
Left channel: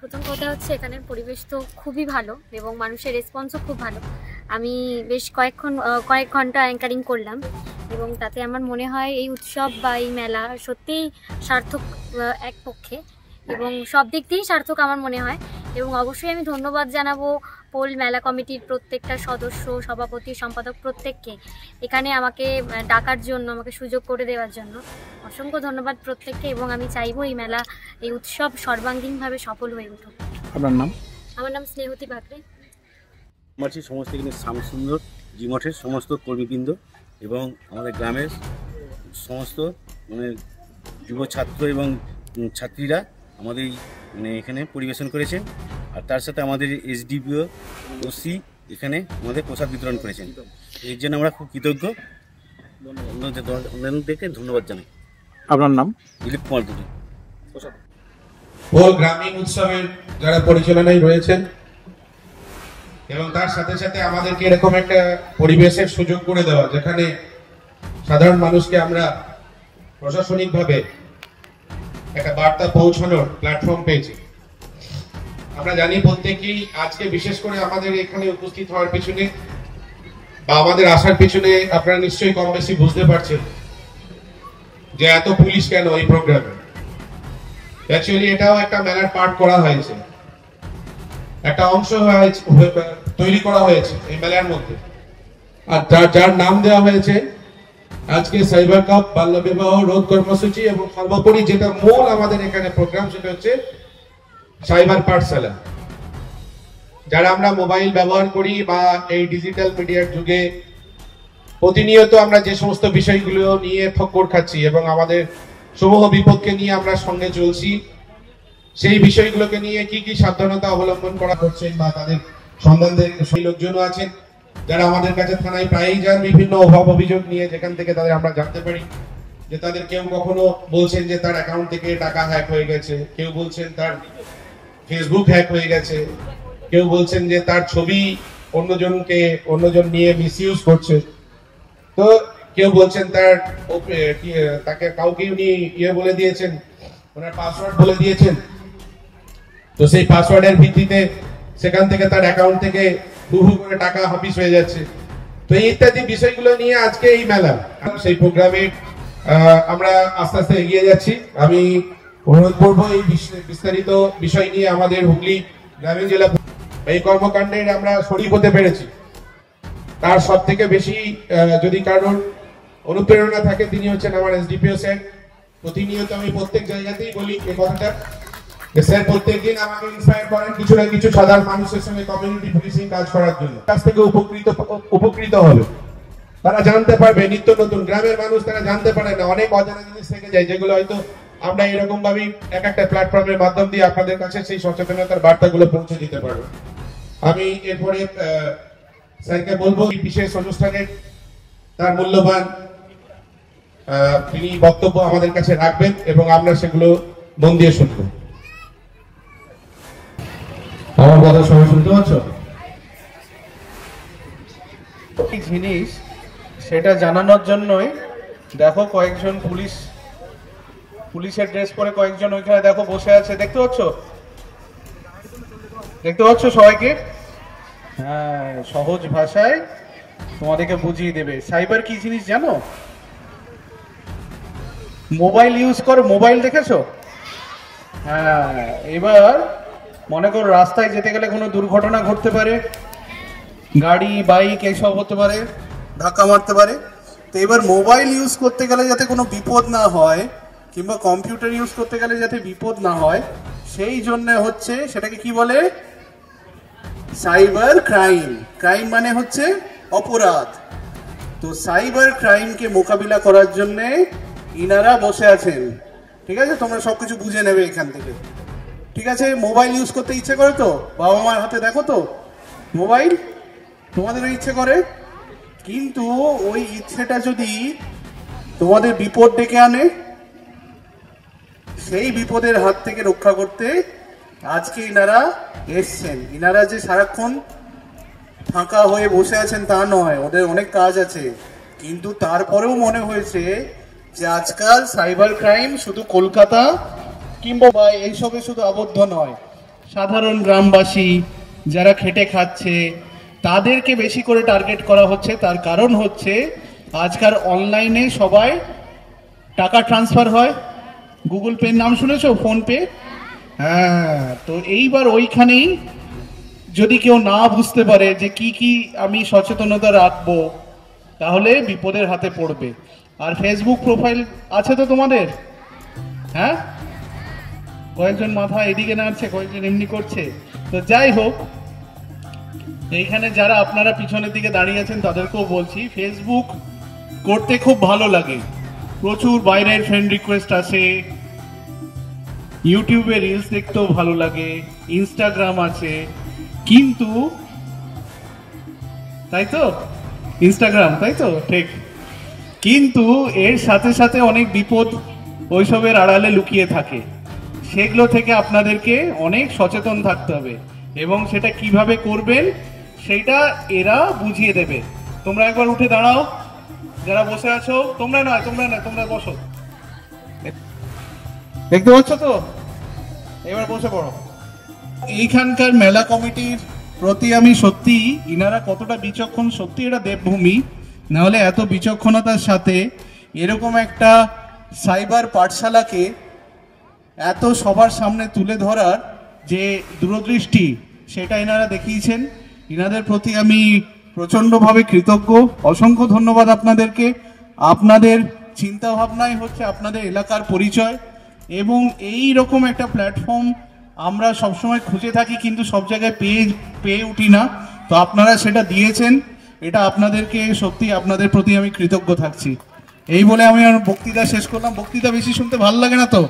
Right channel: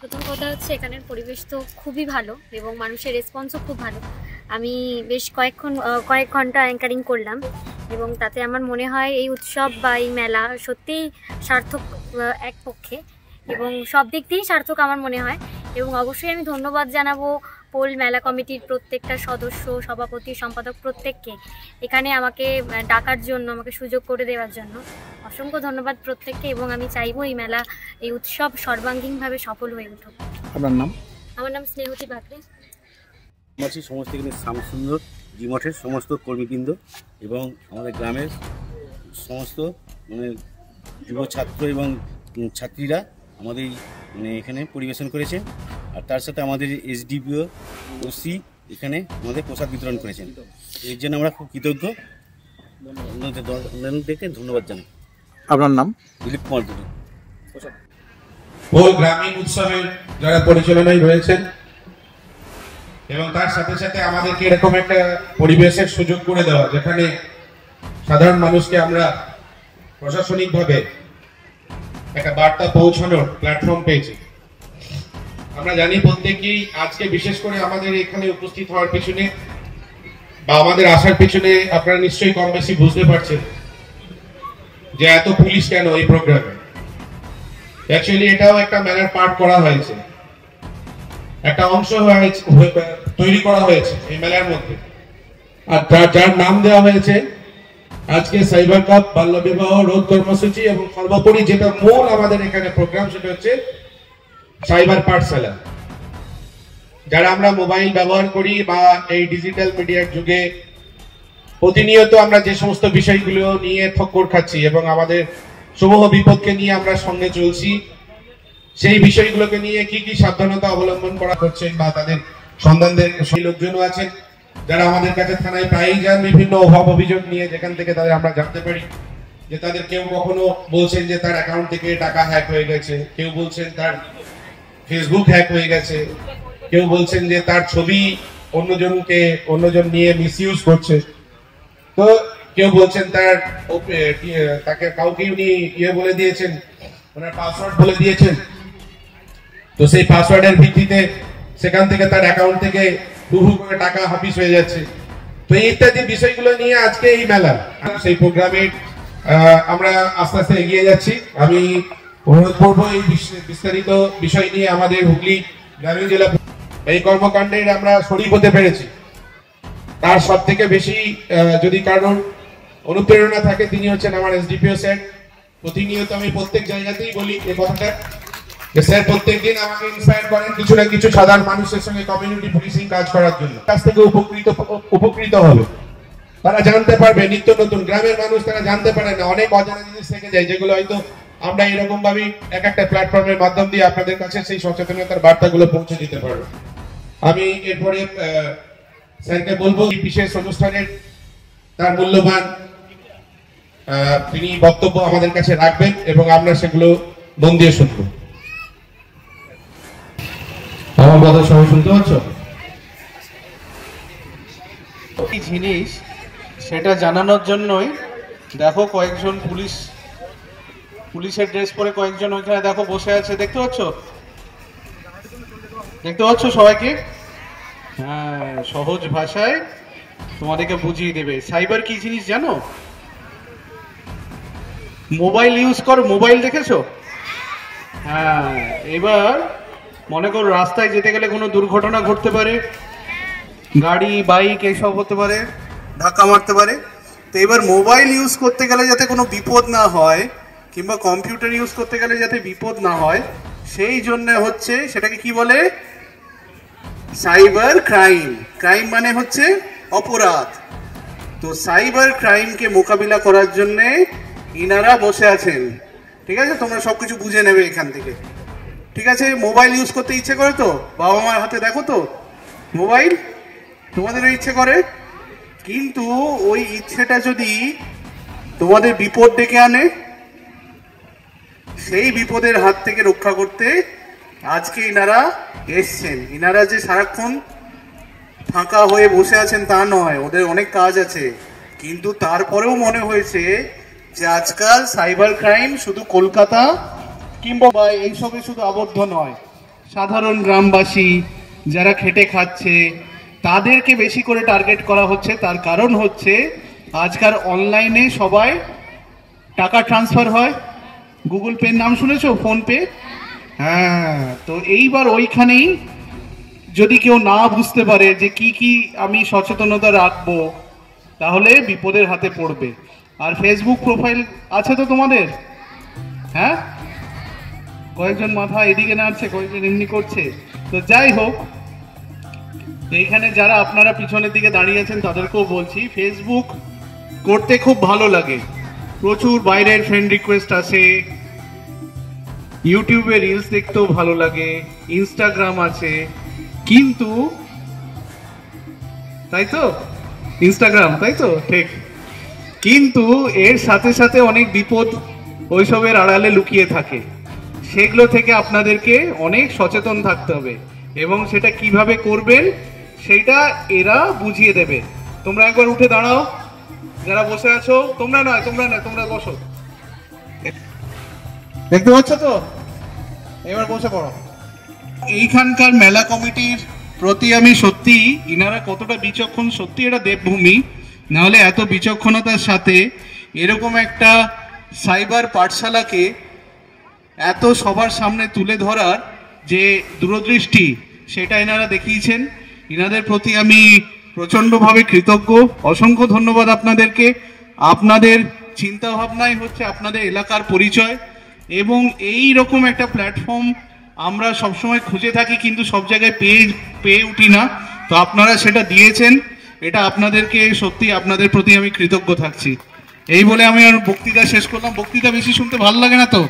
প্রথম কথা হচ্ছে এখানের পরিবেশ তো খুবই ভালো এবং মানুষের রেসপন্সও খুব ভালো। আমি বেশ কয়েক ঘন্টা অ্যাঙ্কারিং করলাম এবং তাতে আমার মনে হয় এই উৎসব বা এই মেলা সত্যিই সার্থক এক পক্ষে এবং সব দিক দিয়েই সার্থক আমার মনে হয়। এবং অবশ্যই আমি ধন্যবাদ জানাবো পোল মেলা কমিটির প্রত্যেকটা সদস্য, সভাপতি, সম্পাদক প্রত্যেককে এখানে আমাকে ডাকার জন্য, আমাকে সুযোগ করে দেওয়ার জন্য অসংখ্য ধন্যবাদ প্রত্যেককে। এবং আমি চাইবো এই মেলা, এই উৎসব সর্বাঙ্গীনভাবে সফল হয়ে উঠুক। আপনার নাম? আমার নাম স্নেহতী বাকরে। আমার সমস্ত এখানে শ্যামসুন্দর জিমঠের সমস্ত কর্মীবৃন্দ এবং আমাদের গ্রামের সমস্ত যুব ছাত্র এবং ছাত্রীরা আমাদের এখানে পরিবেশন করেছে। আর তার সাথে আমাদের এসডিপিও ওসি এখানে আমাদের প্রসাদ বিতরণ করেছেন, এর জন্য আমরা খুব কৃতজ্ঞ। অন্যান্যদেরকে ধন্যবাদ জানাই। আপনার নাম? দিলীপ কুমার দুটি। পোল গ্রামীণ উৎসবের যারা পরিচালনায় রয়েছেন এবং তার সাথে সাথে আমাদেরকে এরকম একটা পরিবেশের সুযোগ করে দেওয়া যেখানে সাধারণ মানুষকে আমরা প্রশাসনিকভাবে একটা বার্তা পৌঁছানোর প্ল্যাটফর্ম পেয়েছি। আমরা জানি প্রত্যেকেই আজকে বিশেষ করে আমাদের এখানে উপস্থিত হওয়ার পিছনে বা আমাদের আসার পিছনে আপনারা নিশ্চয়ই কম বেশি বুঝতে পারছেন যে এত পুলিশ কেন এই প্রোগ্রামে। অ্যাকচুয়ালি এটাও একটা মেলার পার্ট করা হয়েছে, একটা অংশ তৈরি করা হয়েছে এই মেলার মধ্যে, আর যার নাম দেওয়া হয়েছে আজকে সাইবার কাপ বাল্য বিবাহ রোধ কর্মসূচি, এবং সর্বোপরি যেটা মূল আমাদের এখানে প্রোগ্রাম সেটা হচ্ছে সাইবার পাঠশালা। যারা আমরা মোবাইল ব্যবহার করি বা এই ডিজিটাল মিডিয়ার যুগে প্রতিনিয়ত আমরা যে সমস্ত বিষয়গুলো নিয়ে ঠক্কর খাচ্ছি এবং আমাদের সমূহ বিপদকে নিয়ে আমরা সঙ্গে চলছি, সেই বিষয়গুলোকে নিয়ে কি কি সাবধানতা অবলম্বন করা হচ্ছে বা তাদের সন্ধানদের সেই লোকজনও আছেন যারা আমাদের কাছে থানায় প্রায়ই যান বিভিন্ন অভাব অভিযোগ নিয়ে, যেখান থেকে তাদের আমরা জানতে পারি যে তাদের কেউ কখনো বলছেন যে তার অ্যাকাউন্ট থেকে টাকা হ্যাক হয়ে গেছে, কেউ বলছেন তার ফেসবুক হ্যাক হয়ে গেছে, কেউ বলছেন যে তার ছবি অন্যজন নিয়ে মিসইউজ করছে, তো কেউ বলছেন তাকে কাউকে উনি বলে দিয়েছেন, ওনার পাসওয়ার্ড বলে দিয়েছেন, তো সেই পাসওয়ার্ডের ভিত্তিতে সেখান থেকে তার অ্যাকাউন্ট থেকে হুহু করে টাকা হাফিস হয়ে যাচ্ছে। তো এই ইত্যাদি বিষয়গুলো নিয়ে আজকে এই মেলা, সেই প্রোগ্রামে আমরা আস্তে আস্তে এগিয়ে যাচ্ছি। আমি অনুরোধ করবো এই বিস্তারিত বিষয় নিয়ে আমাদের হুগলি গ্রামীণ জেলা এই কর্মকাণ্ডের আমরা শরীক হতে পেরেছি। তার সব থেকে বেশি যদি কারণ অনুপ্রেরণা থাকে তিনি হচ্ছেন আমার এসডিপিও স্যার। প্রতিনিয়ত আমি প্রত্যেক জায়গাতেই বলি এই কথাটা যে স্যার প্রত্যেকদিন আমাকে ইন্সপায়ার করেন কিছু না কিছু সাধারণ মানুষের সঙ্গে কমিউনিটি পুলিশিং কাজ করার জন্য। কাছ থেকে উপকৃত হবে, তারা জানতে পারবে নিত্য নতুন। গ্রামের মানুষ তারা জানতে পারে না, অনেক অজানা জিনিস থেকে যায় যেগুলো হয়তো আমরা এরকম ভাবে এক একটা প্ল্যাটফর্মের মাধ্যম দিয়ে আপনাদের কাছে সেই সচেতনতার বার্তাগুলো পৌঁছে দিতে পারবো। আমি এরপরে স্যারকে বলবো এই বিশেষ অনুষ্ঠানের তার মূল্যবান তিনি বক্তব্য আমাদের কাছে রাখবেন এবং আমরা সেগুলো মন দিয়ে শুনবো। আমার কথা সবাই শুনতে পাচ্ছ? এই জিনিস সেটা জানানোর জন্যই দেখো কয়েকজন পুলিশের ড্রেস পরে কয়েকজন ওইখানে দেখো বসে আছে, দেখতে পাচ্ছ সবাইকে? হ্যাঁ, সহজ ভাষায় তোমাদেরকে বুঝিয়ে দেবে সাইবার কি জিনিস জানো? মোবাইল ইউজ কর, মোবাইল দেখেছো? হ্যাঁ, এবার মনে করো রাস্তায় যেতে গেলে কোনো দুর্ঘটনা ঘটতে পারে, গাড়ি বাইক এইসব হতে পারে, ধাক্কা মারতে পারে। তো এবার মোবাইল ইউজ করতে গেলে যাতে কোনো বিপদ না হয় কিংবা কম্পিউটার ইউজ করতে গেলে যাতে বিপদ না হয় সেই জন্য হচ্ছে সেটাকে কি বলে? Cyber crime. ক্রাইম মানে হচ্ছে অপরাধ। তো সাইবার ক্রাইমকে মোকাবিলা করার জন্য ইনারা বসে আছেন। ঠিক আছে, তোমরা সবকিছু বুঝে নেবে এখান থেকে। ঠিক আছে, মোবাইল ইউজ করতে ইচ্ছে করে তো? বাবা মার হাতে দেখো তো মোবাইল, তোমাদেরও ইচ্ছে করে, কিন্তু ওই ইচ্ছেটা যদি তোমাদের বিপদ ডেকে আনে, সেই বিপদের হাত থেকে রক্ষা করতে আজকে ইনারা এসছেন। ইনারা যে সারাক্ষণ ফাঁকা হয়ে বসে আছেন তা নয়, ওদের অনেক কাজ আছে, কিন্তু তারপরেও মনে হয়েছে যে আজকাল সাইবার ক্রাইম শুধু কলকাতা কিংবা এইসবে শুধু আবদ্ধ নয়, সাধারণ গ্রামবাসী যারা খেটে খাচ্ছে তাদেরকে বেশি করে টার্গেট করা হচ্ছে। তার কারণ হচ্ছে আজকাল অনলাইনে সবাই টাকা ট্রান্সফার হয়। গুগল পের নাম শুনেছো? ফোনপে। হ্যাঁ, তো এইবার ওইখানেই যদি কেউ না বুঝতে পারে যে কি কি আমি সচেতনতা রাখবো, তাহলে বিপদের হাতে পড়বে। আর ফেসবুক প্রোফাইল আছে তো তোমাদের? হ্যাঁ, কয়েকজন মাথা এদিকে নাড়ছে, কয়েকজন এমনি করছে। তো যাই হোক, এইখানে যারা আপনারা পিছনের দিকে দাঁড়িয়ে আছেন তাদেরকেও বলছি, ফেসবুক করতে খুব ভালো লাগে, প্রচুর বাইরের ফ্রেন্ড রিকোয়েস্ট আসে, ইউটিউবে রিলস দেখতেও ভালো লাগে, ইনস্টাগ্রাম আছে, কিন্তু তাই তো ইনস্টাগ্রাম, তাই তো? ঠিক, কিন্তু এর সাথে সাথে অনেক বিপদ ওইসবের আড়ালে লুকিয়ে থাকে। সেগুলো থেকে আপনাদেরকে অনেক সচেতন থাকতে হবে এবং সেটা কিভাবে করবেন সেইটা এরা বুঝিয়ে দেবে। তোমরা একবার উঠে দাঁড়াও, যারা বসে আছো। তোমরা নয়, তোমরা বসো। দেখতে পাচ্ছ তো? এবার বসে পড়ো। এইখানকার মেলা কমিটির প্রতি আমি সত্যি, ইনারা কতটা বিচক্ষণ, সত্যি এটা দেবভূমি, নাহলে এত বিচক্ষণতার সাথে এরকম একটা সাইবার পাঠশালাকে এত সবার সামনে তুলে ধরার যে দূরদৃষ্টি, সেটা এনারা দেখিয়েছেন। ইনাদের প্রতি আমি প্রচণ্ডভাবে কৃতজ্ঞ। অসংখ্য ধন্যবাদ আপনাদেরকে। আপনাদের চিন্তা ভাবনাই হচ্ছে আপনাদের এলাকার পরিচয়, এবং এই রকম একটা প্ল্যাটফর্ম আমরা সবসময় খুঁজে থাকি, কিন্তু সব জায়গায় পেয়ে উঠি না। তো আপনারা সেটা দিয়েছেন, এটা আপনাদেরকে সত্যি, আপনাদের প্রতি আমি কৃতজ্ঞ থাকছি। এই বলে আমি আর বক্তৃতা শেষ করলাম। বক্তৃতা বেশি শুনতে ভালো লাগে না তো?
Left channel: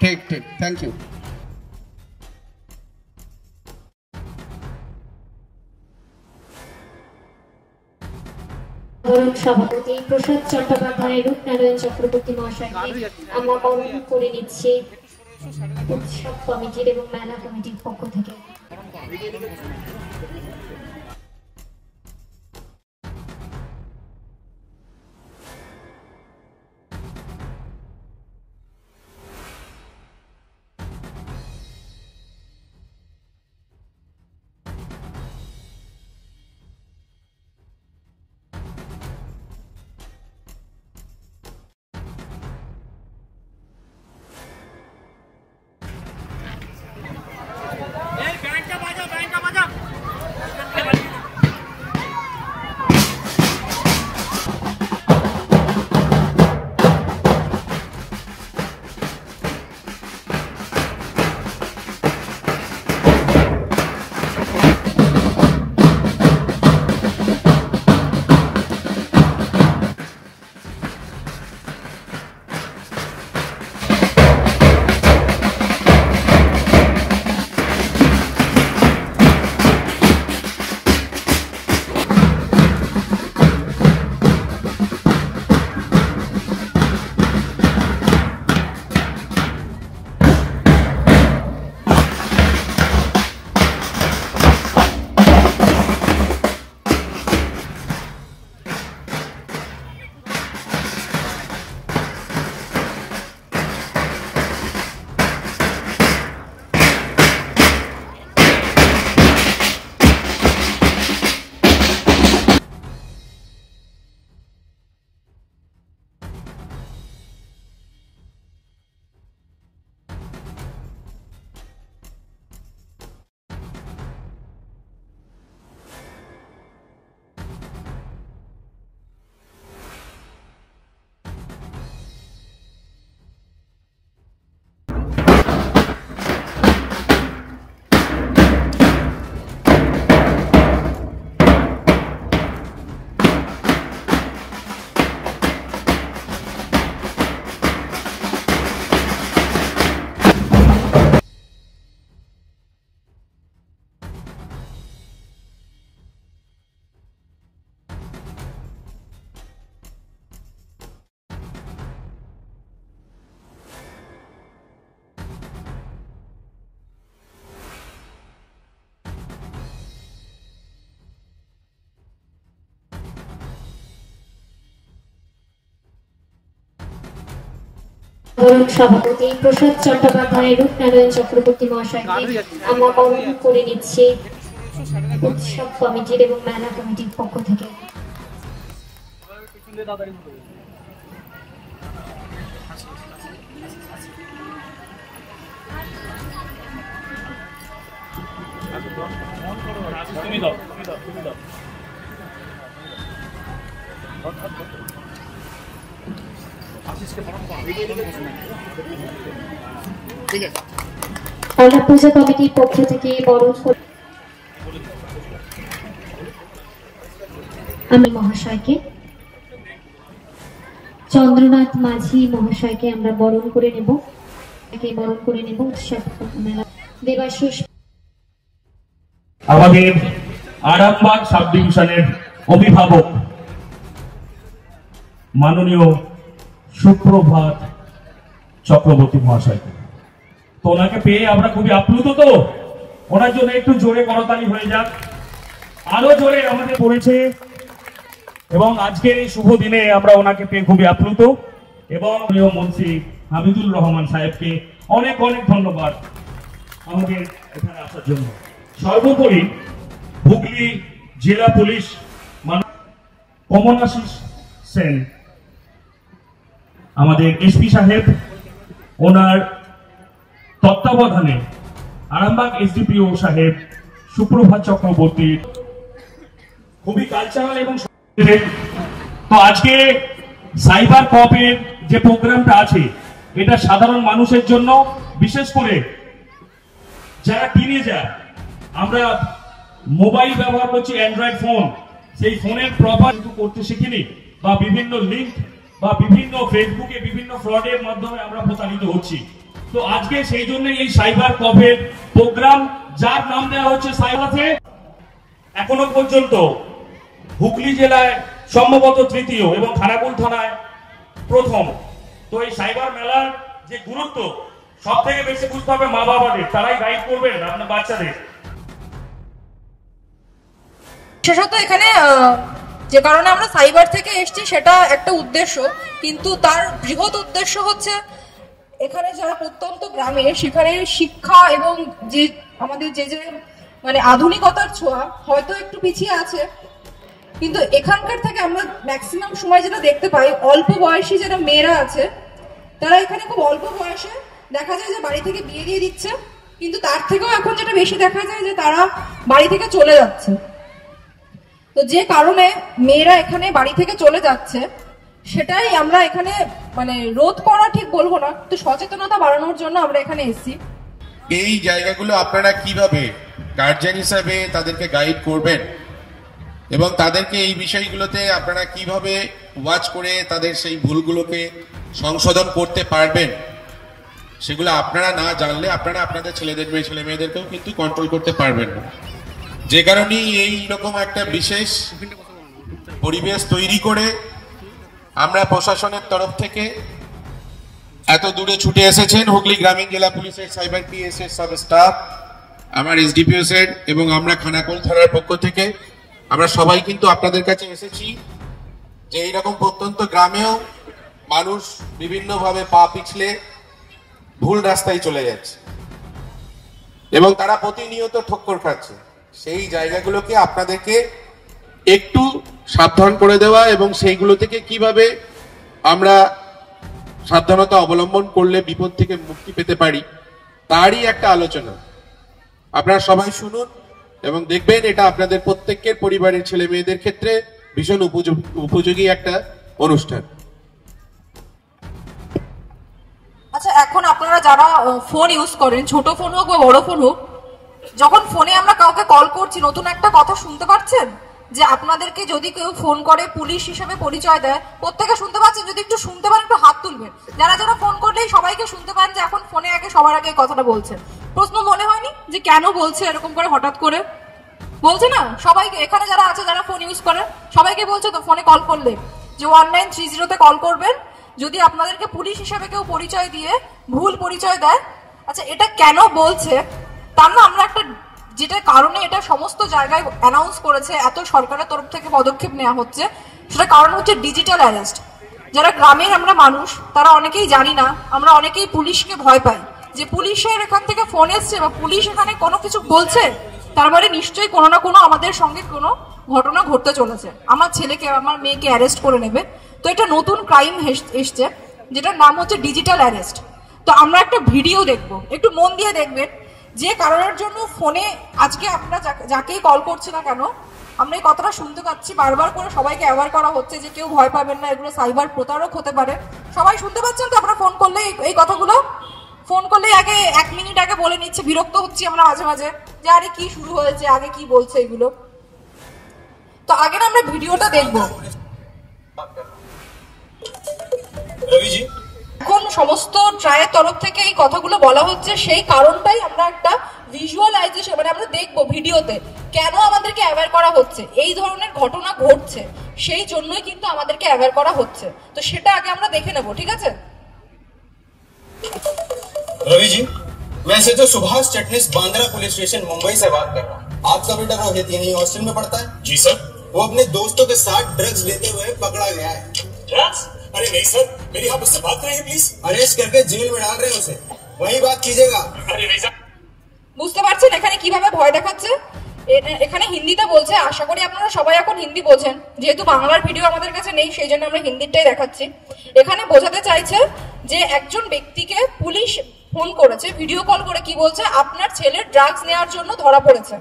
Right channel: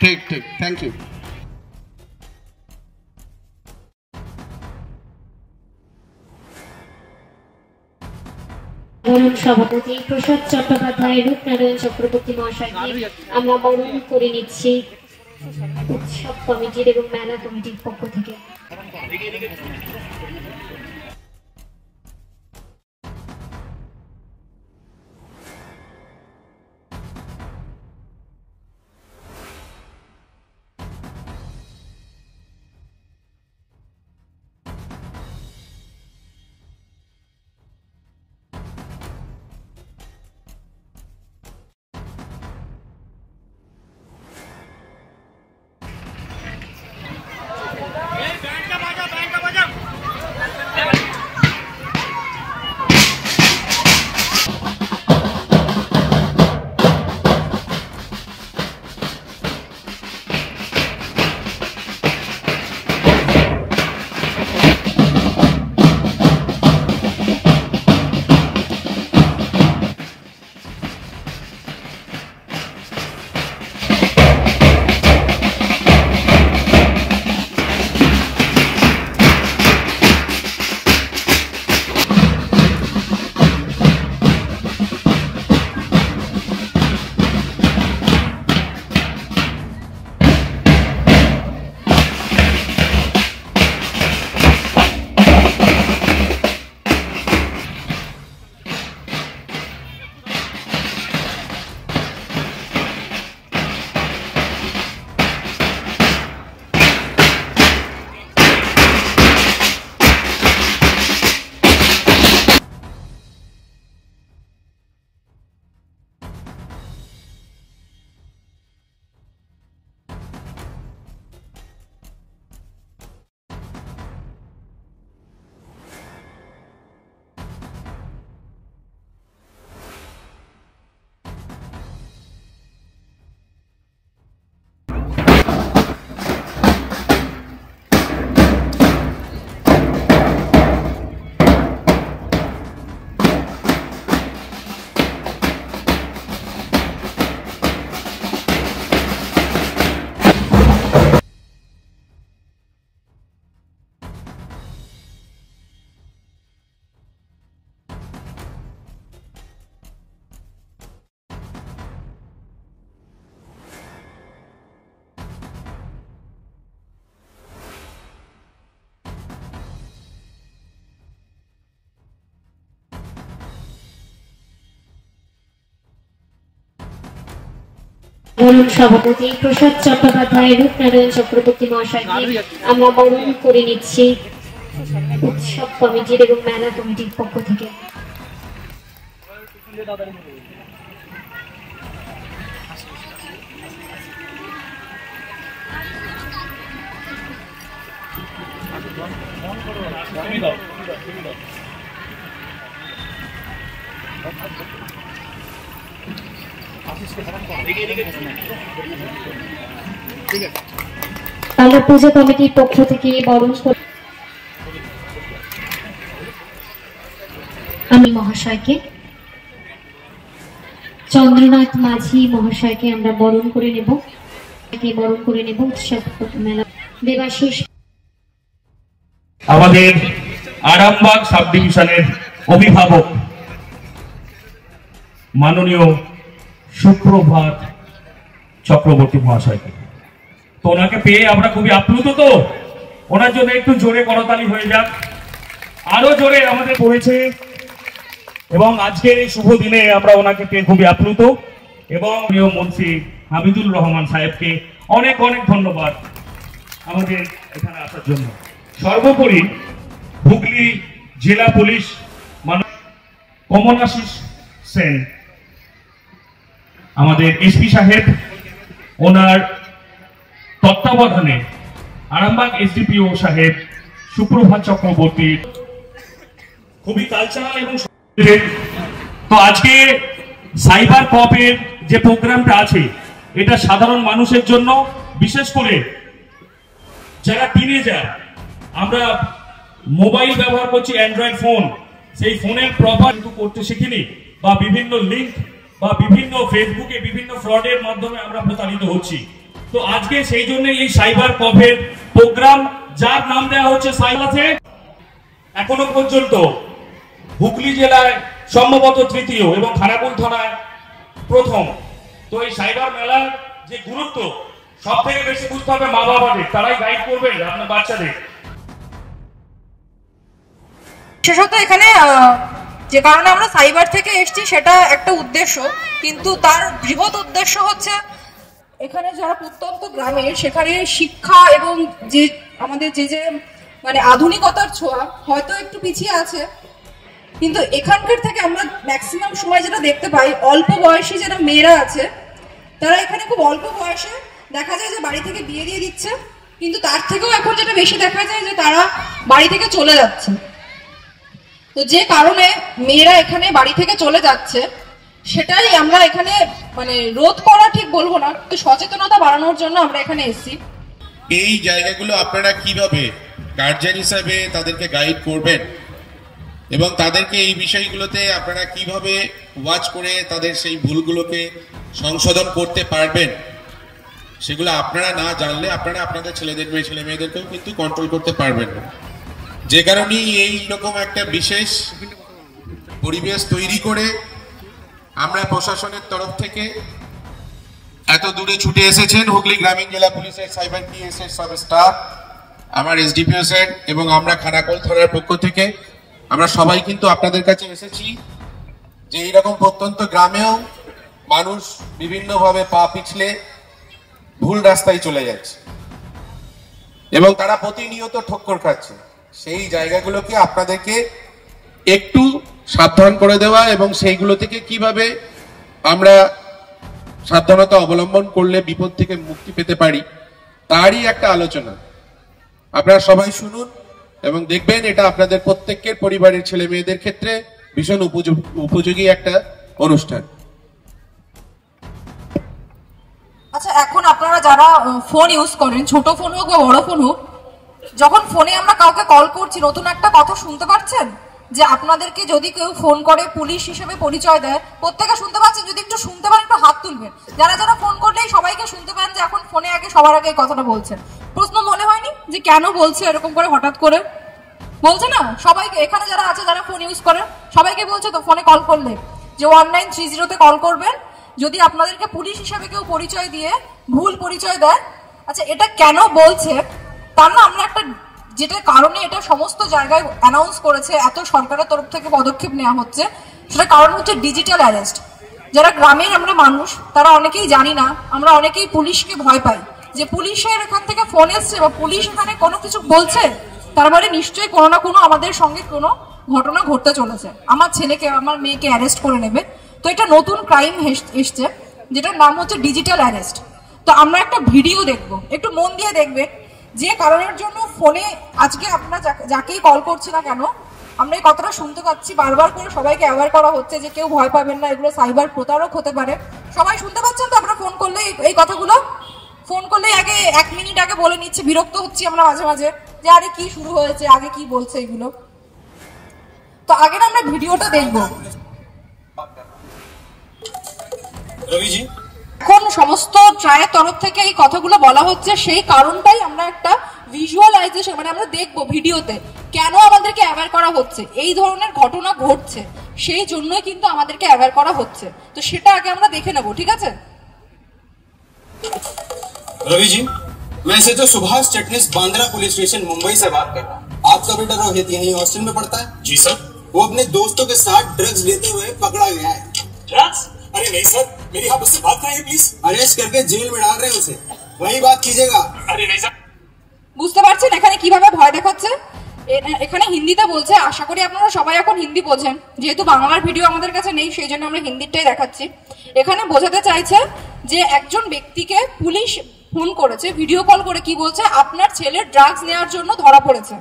ঠিক, থ্যাংক ইউ। বরণ সভাপতি প্রসাদ চট্টোপাধ্যায়, রূপনারায়ণ চক্রবর্তী মহাশয়কে আমরা বরণ করে নিচ্ছি উৎসব কমিটির এবং মেলা কমিটির পক্ষ থেকে। বরণ সভাপতি প্রসাদ চট্টোপাধ্যায়, রূপনারায়ণ চক্রবর্তী মহাশয়কে আমরা বরণ করে নিচ্ছি উৎসব কমিটির এবং মেলা কমিটির পক্ষ থেকে। আমরা পূজা কমিটির পক্ষ থেকে বরণ আমি মহাশয়কে, চন্দ্রনাথ মাঝি মহাশয়কে আমরা বরণ করে নেব উৎসব মেলা। দেবাশিস আমাদের আরামবাগ সাব ডিভিশনের অভিভাবক মাননীয় সুপ্রভাত চক্রবর্তী মহাশয়কে, তো ওনাকে পেয়ে আমরা খুবই আপ্লুত। তো ওনার জন্য একটু জোরে করতালি হয়ে যাক। আরো জোরে আমাদের পড়েছে এবং আজকের এই শুভ দিনে আমরা ওনাকে পেয়ে খুবই আপ্লুত এবং প্রিয় মন্ত্রী হামিদুর রহমান সাহেবকে অনেক অনেক ধন্যবাদ আমাদের এখানে আসার জন্য। সর্বোপরি হুগলি জেলা পুলিশ কমলাশিস সেন আমাদের এসপি সাহেব, ওনার তত্ত্বাবধানে আরামবাগ এসডিপিও সাহেব সুপ্রভাত চক্রবর্তী খুবই কালচারাল এবং তো আজকে সাইবার কপের যে প্রোগ্রামটা আছে এটা সাধারণ মানুষের জন্য, বিশেষ করে যারা টিনেজার, আমরা মোবাইল ব্যবহার করছি অ্যান্ড্রয়েড ফোন, সেই ফোনের প্রপার করতে শিখিনি বা বিভিন্ন লিঙ্ক বা বিভিন্ন ফেসবুকে বিভিন্ন ফ্রডের মাধ্যমে আমরা প্রতারিত হচ্ছি। তো আজকে সেই জন্য এই সাইবার কপের প্রোগ্রাম, যার নাম দেওয়া হচ্ছে সাইবারে, এখনো পর্যন্ত হুগলি জেলায় সম্ভবত তৃতীয় এবং খানাকুল থানায় প্রথম। তো এই সাইবার মেলার যে গুরুত্ব সব থেকে বেশি বুঝতে হবে মা বাবাদের, তারাই গাইড করবেন আপনার বাচ্চাদের। বিশেষত এখানে যে কারণে আমরা সাইবার থেকে এসেছি সেটা একটা উদ্দেশ্য, কিন্তু তার বৃহৎ উদ্দেশ্য হচ্ছে এখানে যারা প্রত্যন্ত গ্রামে সেখানে শিক্ষা এবং যে আমাদের যে মানে আধুনিকতার ছোঁয়া হয়তো একটু পিছিয়ে আছে, কিন্তু এখানকার থেকে আমরা ম্যাক্সিমাম সময় যেটা দেখতে পাই অল্প বয়সী যারা মেয়েরা আছে তারা এখানে খুব অল্প বয়সে দেখা যায় যে বাড়ি থেকে বিয়ে দিয়ে দিচ্ছে, কিন্তু তার থেকেও এখন যেটা বেশি দেখা যায় যে তারা বাড়ি থেকে চলে যাচ্ছে। তো যে কারণে মেয়েরা এখানে বাড়ি থেকে চলে যাচ্ছে সেটাই আমরা এখানে মানে রোধ করা ঠিক বলবো না, তো সচেতনতা বাড়ানোর জন্য আমরা এখানে এসেছি। এই জায়গাগুলো আপনারা কিভাবে গার্জিয়ান হিসাবে তাদেরকে গাইড করবেন এবং তাদেরকে এই বিষয়গুলোতে আপনারা কিভাবে ওয়াচ করে তাদের সেই ভুলগুলোকে সংশোধন করতে পারবেন, সেগুলো আপনারা না জানলে আপনারা আপনাদের ছেলে মেয়েদেরকেও কিন্তু কন্ট্রোল করতে পারবেন না। যে কারণেই এই রকম একটা বিশেষ পরিবেশ তৈরি করে আমরা প্রশাসনের তরফ থেকে এত দূরে ছুটে এসেছেন হুগলি গ্রামীণ জেলা পুলিশের সাইবার পিএস এর সব স্টাফ, আমার এসডিপিও স্যার এবং আমরা খানাকুল থানার পক্ষ থেকে আমরা সবাই কিন্তু আপনাদের কাছে এসেছি যে এইরকম প্রত্যন্ত গ্রামেও মানুষ বিভিন্নভাবে পা পিছলে ভুল রাস্তায় চলে যাচ্ছে এবং তারা প্রতিনিয়ত ঠক্কর খাচ্ছে। সেই জায়গাগুলোকে আপনাদেরকে একটু সাবধান করে দেওয়া এবং সেইগুলো থেকে কিভাবে আমরা সাবধানতা অবলম্বন করলে বিপদ থেকে মুক্তি পেতে পারি তারই একটা আলোচনা। আপনারা সবাই শুনুন এবং দেখবেন এটা আপনাদের প্রত্যেকের পরিবারের ছেলে মেয়েদের ক্ষেত্রে ভীষণ উপযোগী একটা অনুষ্ঠান। আচ্ছা, এখন আপনারা যারা ফোন ইউজ করেন, ছোট ফোন হোক বা বড় ফোন হোক, যখন ফোনে আমরা কাউকে কল করছি নতুন একটা কথা শুনতে পাচ্ছেন যে আপনাদেরকে যদি কেউ ফোন করে পুলিশ হিসেবে পরিচয় দেয়, প্রত্যেকে শুনতে পাচ্ছেন? যদি একটু শুনতে পান একটু হাত তুলবেন। যারা যারা ফোন করলেই সবাইকে শুনতে পান যে এখন ফোনে আগে সবার আগে কথাটা বলছেন। প্রশ্ন মনে হয়নি যে কেন বলছে এরকম করে হঠাৎ করে? বলছে না সবাইকে, এখানে যারা আছে যারা ফোন ইউজ করে সবাইকে বলছে তো ফোনে কল করলে যে 1930 কল করবেন যদি আপনাদেরকে পুলিশ হিসেবে কেউ পরিচয় দিয়ে ভুল পরিচয় দেয়। আচ্ছা, এটা কেন বলছে তার না আমরা একটা যেটা কারণে এটা সমস্ত জায়গায় অ্যানাউন্স করেছে, এত সরকারের তরফ থেকে পদক্ষেপ নেওয়া হচ্ছে, সেটা কারণ হচ্ছে ডিজিটাল অ্যারেস্ট। যারা গ্রামের আমরা মানুষ তারা অনেকেই জানি না, আমরা অনেকেই পুলিশকে ভয় পাই যে পুলিশের এখান থেকে ফোন এসছে বা পুলিশ এখানে কোনো কিছু বলছে, তার মানে নিশ্চয়ই কোনো না কোনো আমাদের সঙ্গে কোনো ঘটনা ঘটতে চলেছে, আমার ছেলেকে আমার মেয়েকে অ্যারেস্ট করে নেবে। তো এটা নতুন ক্রাইম এসছে যেটার নাম হচ্ছে ডিজিটাল অ্যারেস্ট। তো আমরা একটা ভিডিও দেখবো, একটু মন দিয়ে দেখবেন যে কারণের জন্য ফোনে আজকে আমরা যাকেই কল করছি না কেন আমরা এই কথাটা শুনতে পাচ্ছি, বারবার করে সবাইকে অ্যাওয়ার করা হচ্ছে যে কেউ ভয় পাবেন না, এগুলো সাইবার প্রতারক হতে পারে। সবাই শুনতে পাচ্ছেন তো? আপনারা ফোন করলে এই কথাগুলো ফোন করলেই আগে 1 মিনিট আগে বলে নিচ্ছে, বিরক্ত হচ্ছি আমরা মাঝে মাঝে যে আরে কি শুরু হয়েছে, আগে কি বলছে এগুলো। তো আগে না আমরা ভিডিওটা দেখবো। এখন সমস্ত ট্রায়ের তরফ থেকে এই কথাগুলো বলা হচ্ছে, সেই কারণটাই আমরা একটা ভিজুয়ালাইজেশন মানে আমরা দেখবো ভিডিওতে কেন আমাদেরকে অ্যাওয়্যার করা হচ্ছে, এই ধরনের ঘটনা ঘটছে সেই জন্যই কিন্তু আমাদেরকে অ্যাওয়্যার করা হচ্ছে। তো সেটা আগে আমরা দেখে নেবো, ঠিক আছে? रवि जी, मैं से तो सुभाष चटनिस बांद्रा पुलिस स्टेशन मुंबई से बात कर रहा हूँ। आपका बेटा रोहित यहीं हॉस्टल में पढ़ता है? जी सर। वो अपने दोस्तों के साथ ड्रग्स लेते हुए पकड़ा गया है। ड्रग्स? अरे नहीं सर, मेरी आप उससे बात कराइए प्लीज। अरेस्ट करके जेल में डाल रहे हैं उसे, वही बात कीजिएगा। अरे नहीं सर। বুঝতে পারছেন এখানে কিভাবে ভয় দেখাচ্ছে? এখানে হিন্দিতে বলছে, আশা করি আপনারা সবাই এখন হিন্দি বোঝেন, যেহেতু বাংলার ভিডিও আমাদের কাছে নেই সেই জন্য আমরা হিন্দিটাই দেখাচ্ছি। এখানে বোঝাতে চাইছে যে একজন ব্যক্তিকে পুলিশ ফোন করেছে, ভিডিও কল করে কি বলছে, আপনার ছেলে ড্রাগস নেওয়ার জন্য ধরা পড়েছে,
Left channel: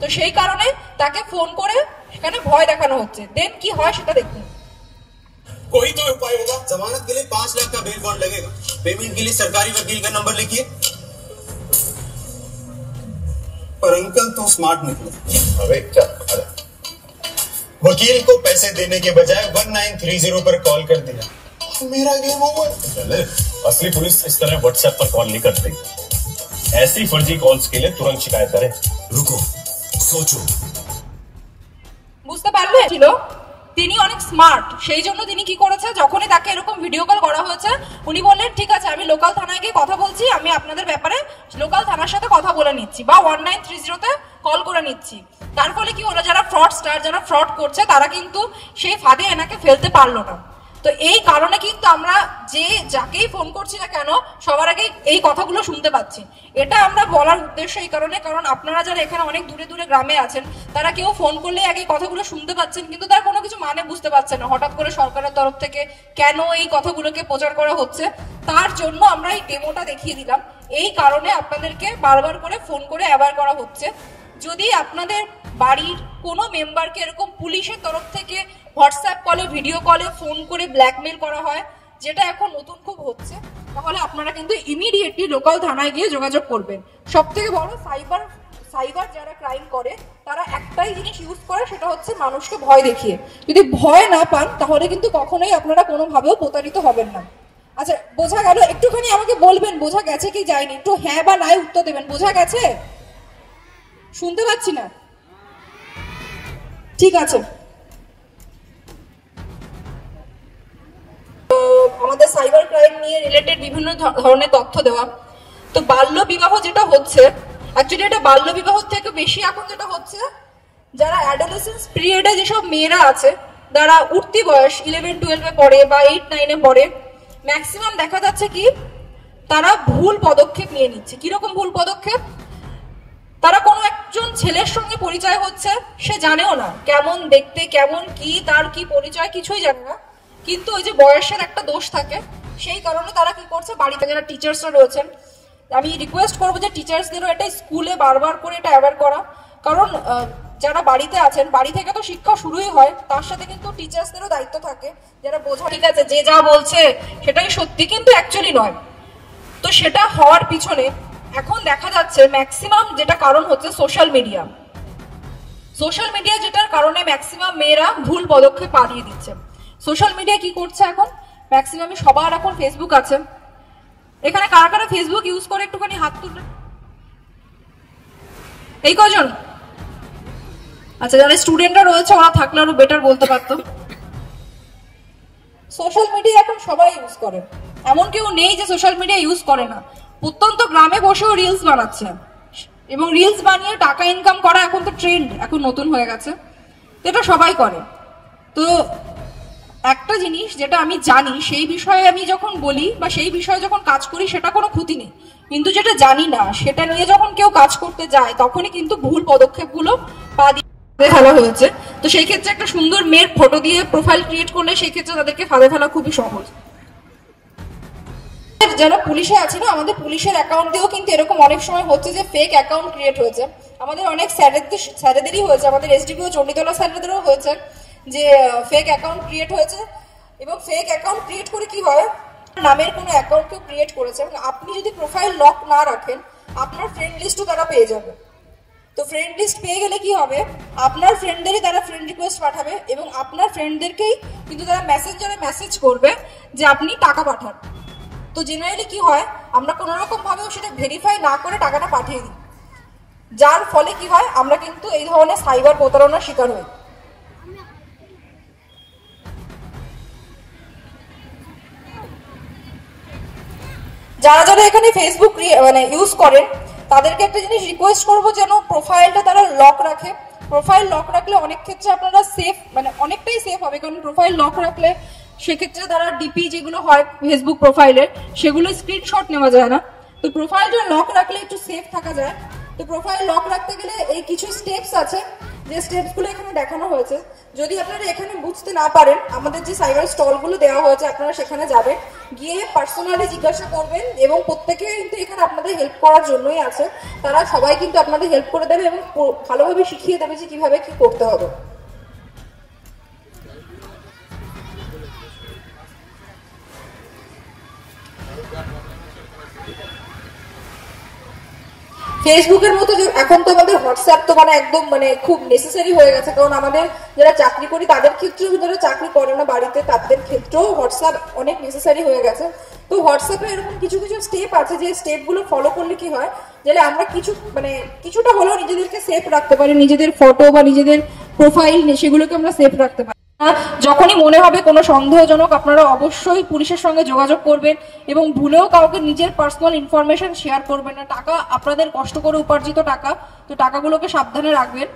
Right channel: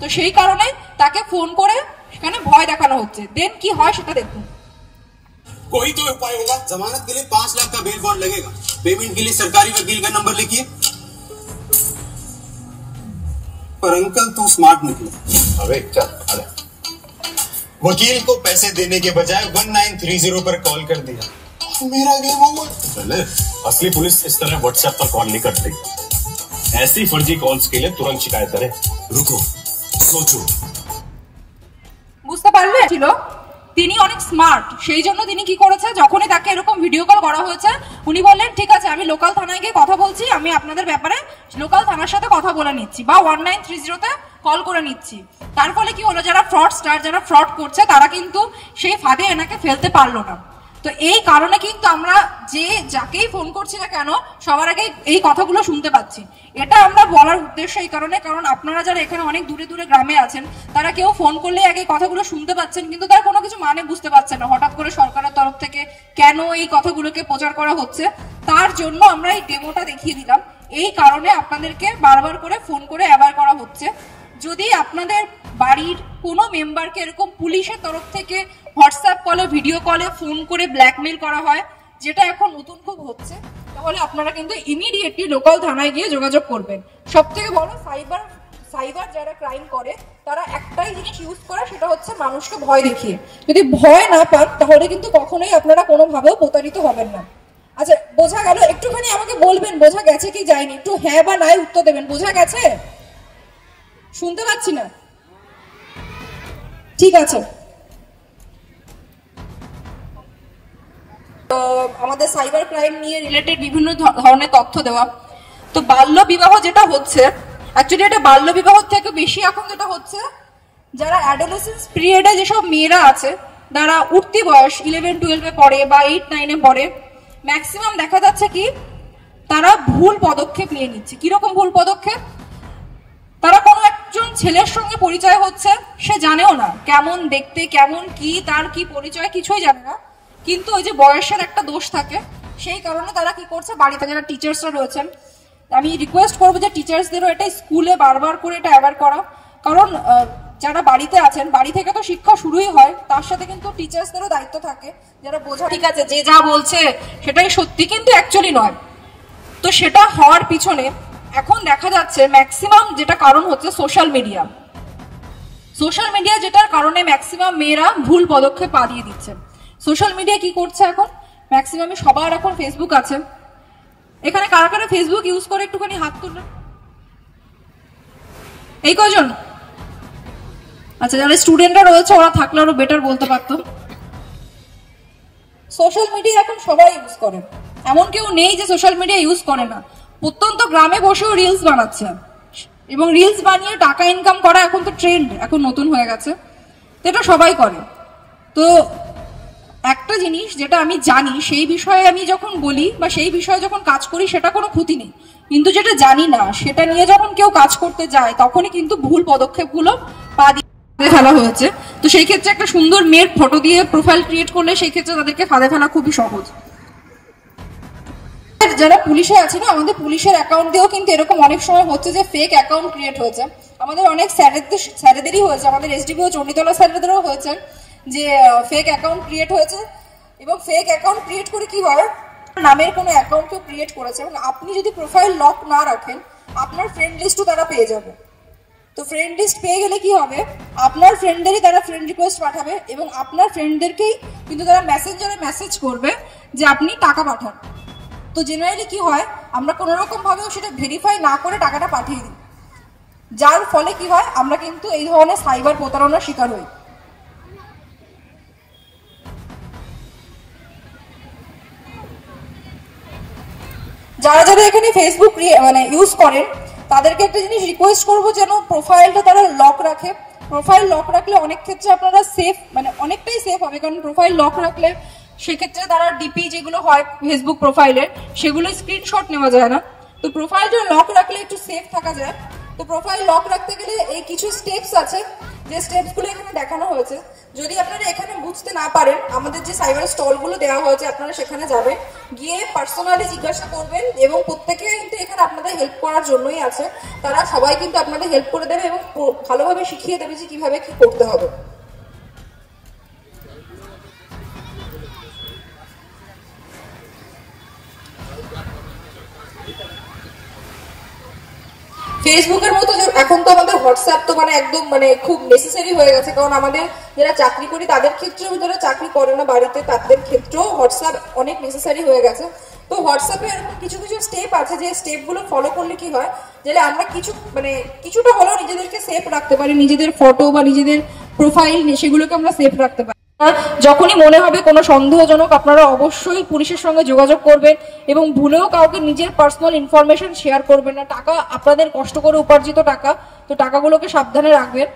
তো সেই কারণে তাকে ফোন করে সেখানে ভয় দেখানো হচ্ছে। দেন কি হয় সেটা দেখুন। कोई तो उपाय होगा। जमानत के लिए 5 लाख का बेल बॉन्ड लगेगा। पेमेंट के लिए सरकारी वकील का नंबर लिखिए। पर अंकल तो स्मार्ट निकले। अरे चल, अरे वकील को पैसे देने के बजाय 1930 पर कॉल कर दिया, मेरा गेम ओवर। चले, असली पुलिस इस तरह व्हाट्सएप पर कॉल नहीं करती। ऐसी फर्जी कॉल्स के लिए तुरंत शिकायत करें। रुको, सोचो। বুঝতে পারলে ছিল তিনি অনেক স্মার্ট, সেই জন্য তিনি কি করেছে, যখনই তাকে এরকম ভিডিও কল করা হয়েছে উনি বললেন ঠিক আছে আমি লোকাল থানায় গিয়ে কথা বলছি, আমি আপনাদের ব্যাপারে লোকাল থানার সাথে কথা বলে নিচ্ছি বা 1930 কল করে নিচ্ছি। তার ফলে কি হলো, যারা ফ্রডস্টার, যারা ফ্রড করছে তারা কিন্তু সেই ফাঁদে এনাকে ফেলতে পারলো না। তো এই কারণে কিন্তু আমরা যে যাকেই ফোন করছি না কেন সবার আগে এই কথাগুলো শুনতে পাচ্ছি। এটা আমরা বলার উদ্দেশ্য এই কারণে, কারণ আপনারা যারা এখানে অনেক দূরে দূরে গ্রামে আছেন তারা কেউ ফোন করলে আগে কথাগুলো শুনতে পাচ্ছেন, কিন্তু তার কোনো কিছু মানে বুঝতে পারছেন না হঠাৎ করে সরকারের তরফ থেকে কেন এই কথাগুলোকে প্রচার করা হচ্ছে। তার জন্য আমরা এই ডেমোটা দেখিয়ে দিলাম। এই কারণে আপনাদেরকে বারবার করে ফোন করে অ্যাওয়্যার করা হচ্ছে। যদি আপনাদের বাড়ির কোনো মেম্বারকে এরকম পুলিশের তরফ থেকে হোয়াটসঅ্যাপ কলে, ভিডিও কলে ফোন করে ব্ল্যাকমেল করা হয়, যেটা এখন নতুন খুব হচ্ছে, তাহলে আপনারা কিন্তু ইমিডিয়েটলি লোকাল থানায় গিয়ে যোগাযোগ করবেন। সব থেকে বড় সাইবার যারা ক্রাইম করে তারা একটাই জিনিস ইউজ করে, সেটা হচ্ছে মানুষকে ভয় দেখিয়ে। যদি ভয় না পান তাহলে কিন্তু কখনোই আপনারা কোনোভাবেও প্রতারিত হবেন না। আচ্ছা বোঝা গেল? একটুখানি আমাকে বলবেন বোঝা গেছে কি যায়নি, একটু হ্যাঁ বা নাই উত্তর দেবেন। বোঝা গেছে? শুনতে পাচ্ছি না। ঠিক আছে, তো আমাদের সাইবার ক্রাইম নিয়ে রিলেটেড বিভিন্ন ধরনের তথ্য দেওয়া। তো বাল্য বিবাহ যেটা হচ্ছে, অ্যাকচুয়ালি এটা বাল্য বিবাহ থেকে বেশি এখন যেটা হচ্ছে, যারা অ্যাডোলেসেন্স পিরিয়ডে যেসব মেয়েরা আছে, যারা উঠতি বয়স 11-12 পড়ে বা 8-9 পড়ে, ম্যাক্সিমাম দেখা যাচ্ছে কি তারা ভুল পদক্ষেপ নিয়ে নিচ্ছে। কিরকম ভুল পদক্ষেপ? তারা কোনো একজন ছেলের সঙ্গে পরিচয় হচ্ছে, সে জানেও না কেমন দেখতে, কেমন কি, তার কি পরিচয়, কিছুই জানে না, কিন্তু ওই যে বয়সের একটা দোষ থাকে, সেই কারণে তারা কি করছে, বাড়িতে যারা টিচার্সরা রয়েছেন, আমি রিকোয়েস্ট করবো যে টিচার্সদেরও এটা স্কুলে বারবার করে এটা অ্যাওয়্যার করা, কারণ যারা বাড়িতে আছেন, বাড়ি থেকে তো শিক্ষা শুরুই হয়, তার সাথে কিন্তু টিচার্সদেরও দায়িত্ব থাকে, যারা বোঝা ঠিক আছে যে যা বলছে সেটাই সত্যি, কিন্তু অ্যাকচুয়ালি নয়। তো সেটা হওয়ার পিছনে এখন দেখা যাচ্ছে ম্যাক্সিমাম যেটা কারণ হচ্ছে সোশ্যাল মিডিয়া। সোশ্যাল মিডিয়া যেটার কারণে ম্যাক্সিমাম মেয়েরা ভুল পদক্ষেপ পা দিয়ে দিচ্ছে। সোশ্যাল মিডিয়া কি করছে এখন, ম্যাক্সিমামে সবার এখন ফেসবুক আছে। এখানে কারা কারা ফেসবুক ইউজ করে একটুখানি হাত তুলে, এই কজন? আচ্ছা, যারা স্টুডেন্টরা রয়েছে ওরা থাকলে আরো বেটার বলতে পারতো। সোশ্যাল মিডিয়া এখন সবাই ইউজ করে, এমন কেউ নেই যে সোশ্যাল মিডিয়া ইউজ করে না। প্রত্যন্ত গ্রামে বসেও রিলস বানাচ্ছে, এবং রিলস বানিয়ে টাকা ইনকাম করা এখন তো ট্রেন্ড, এখন নতুন হয়ে গেছে, তো এটা সবাই করে। তো একটা জিনিস যেটা আমি জানি, সেই বিষয়ে আমি যখন বলি বা সেই বিষয়ে যখন কাজ করি সেটা কোনো ক্ষতি নেই, কিন্তু যেটা জানি না সেটা নিয়ে যখন কেউ কাজ করতে যায় তখনই কিন্তু ভুল পদক্ষেপগুলো পা দিয়ে ফেলা হয়েছে। তো সেই ক্ষেত্রে একটা সুন্দর মেয়ের ফটো দিয়ে প্রোফাইল ক্রিয়েট করলে সেই ক্ষেত্রে তাদেরকে ফাঁদে ফেলা খুবই সহজ। যারা পুলিশে আছে না, আমাদের পুলিশের অ্যাকাউন্ট দিয়েও কিন্তু এরকম অনেক সময় হচ্ছে যে ফেক অ্যাকাউন্ট ক্রিয়েট হয়েছে। আমাদের অনেক স্যারেদেরই হয়েছে, আমাদের এসডিপিও চণ্ডীতলা স্যারেদেরও হয়েছে যে ফেক অ্যাকাউন্ট ক্রিয়েট হয়েছে, এবং ফেক অ্যাকাউন্ট ক্রিয়েট করে কি হয়, নামের কোনো অ্যাকাউন্টকে ক্রিয়েট করেছে, এবং আপনি যদি প্রোফাইল লক না রাখেন আপনার ফ্রেন্ড লিস্টও তারা পেয়ে যাবে। তো ফ্রেন্ড লিস্ট পেয়ে গেলে কি হবে, আপনার ফ্রেন্ডদেরই তারা ফ্রেন্ড রিকোয়েস্ট পাঠাবে, এবং আপনার ফ্রেন্ডদেরকেই কিন্তু তারা মেসেঞ্জারে মেসেজ করবে যে আপনি টাকা পাঠান। তো জেনারেলি কি হয়, আমরা কোনো রকম ভাবেও সেটা ভেরিফাই না করে টাকাটা পাঠিয়ে দিই, যার ফলে কি হয়, আমরা কিন্তু এই ধরনের সাইবার প্রতারণার শিকার হই। যারা যারা এখানে ফেসবুক মানে ইউজ করেন তাদেরকে একটা জিনিস রিকোয়েস্ট করবো যেন প্রোফাইলটা তারা লক রাখে। প্রোফাইল লক রাখলে অনেক ক্ষেত্রে আপনারা সেফ, মানে অনেকটাই সেফ হবে, কারণ প্রোফাইল লক রাখলে সেক্ষেত্রে তারা ডিপি যেগুলো হয় ফেসবুক প্রোফাইলের সেগুলো স্ক্রিনশট নেওয়া যায় না। তো প্রোফাইলটা লক রাখলে একটু সেফ থাকা যায়। তো প্রোফাইল লক রাখতে গেলে এই কিছু স্টেপস আছে, যে স্টেপসগুলো এখানে দেখানো হয়েছে। যদি আপনারা এখানে বুঝতে না পারেন, আমাদের যে সাইবার স্টলগুলো দেওয়া হয়েছে আপনারা সেখানে যাবেন, গিয়ে পার্সোনালি জিজ্ঞাসা করবেন, এবং প্রত্যেকে কিন্তু এখানে আপনাদের হেল্প করার জন্যই আছে। তারা সবাই কিন্তু আপনাদের হেল্প করে দেবে এবং ভালোভাবে শিখিয়ে দেবে যে কিভাবে কি করতে হবে। ফেসবুকের মতো এখন তো আমাদের হোয়াটসঅ্যাপ তো মানে একদম মানে খুব নেসেসারি হয়ে গেছে, কারণ আমাদের যারা চাকরি করি তাদের ক্ষেত্রেও, যারা চাকরি করে না বাড়িতে তাদের ক্ষেত্রেও হোয়াটসঅ্যাপ অনেক নেসেসারি হয়ে গেছে। তো হোয়াটসঅ্যাপে এরকম কিছু কিছু স্টেপ আছে, যে স্টেপগুলো ফলো করলে কি হয়, যাতে আমরা কিছুটা হলেও নিজেদেরকে সেফ রাখতে পারি, নিজেদের ফটো বা নিজেদের প্রোফাইল সেগুলোকে আমরা সেফ রাখতে পারি। যখনই মনে হবে কোনো সন্দেহজনক, আপনারা অবশ্যই পুলিশের সঙ্গে যোগাযোগ করবেন এবং ভুলেও কাউকে নিজের পার্সোনাল ইনফরমেশন শেয়ার করবেন না। টাকা আপনাদের কষ্ট করে উপার্জিত টাকা, তো টাকাগুলোকে সাবধানে রাখবেন।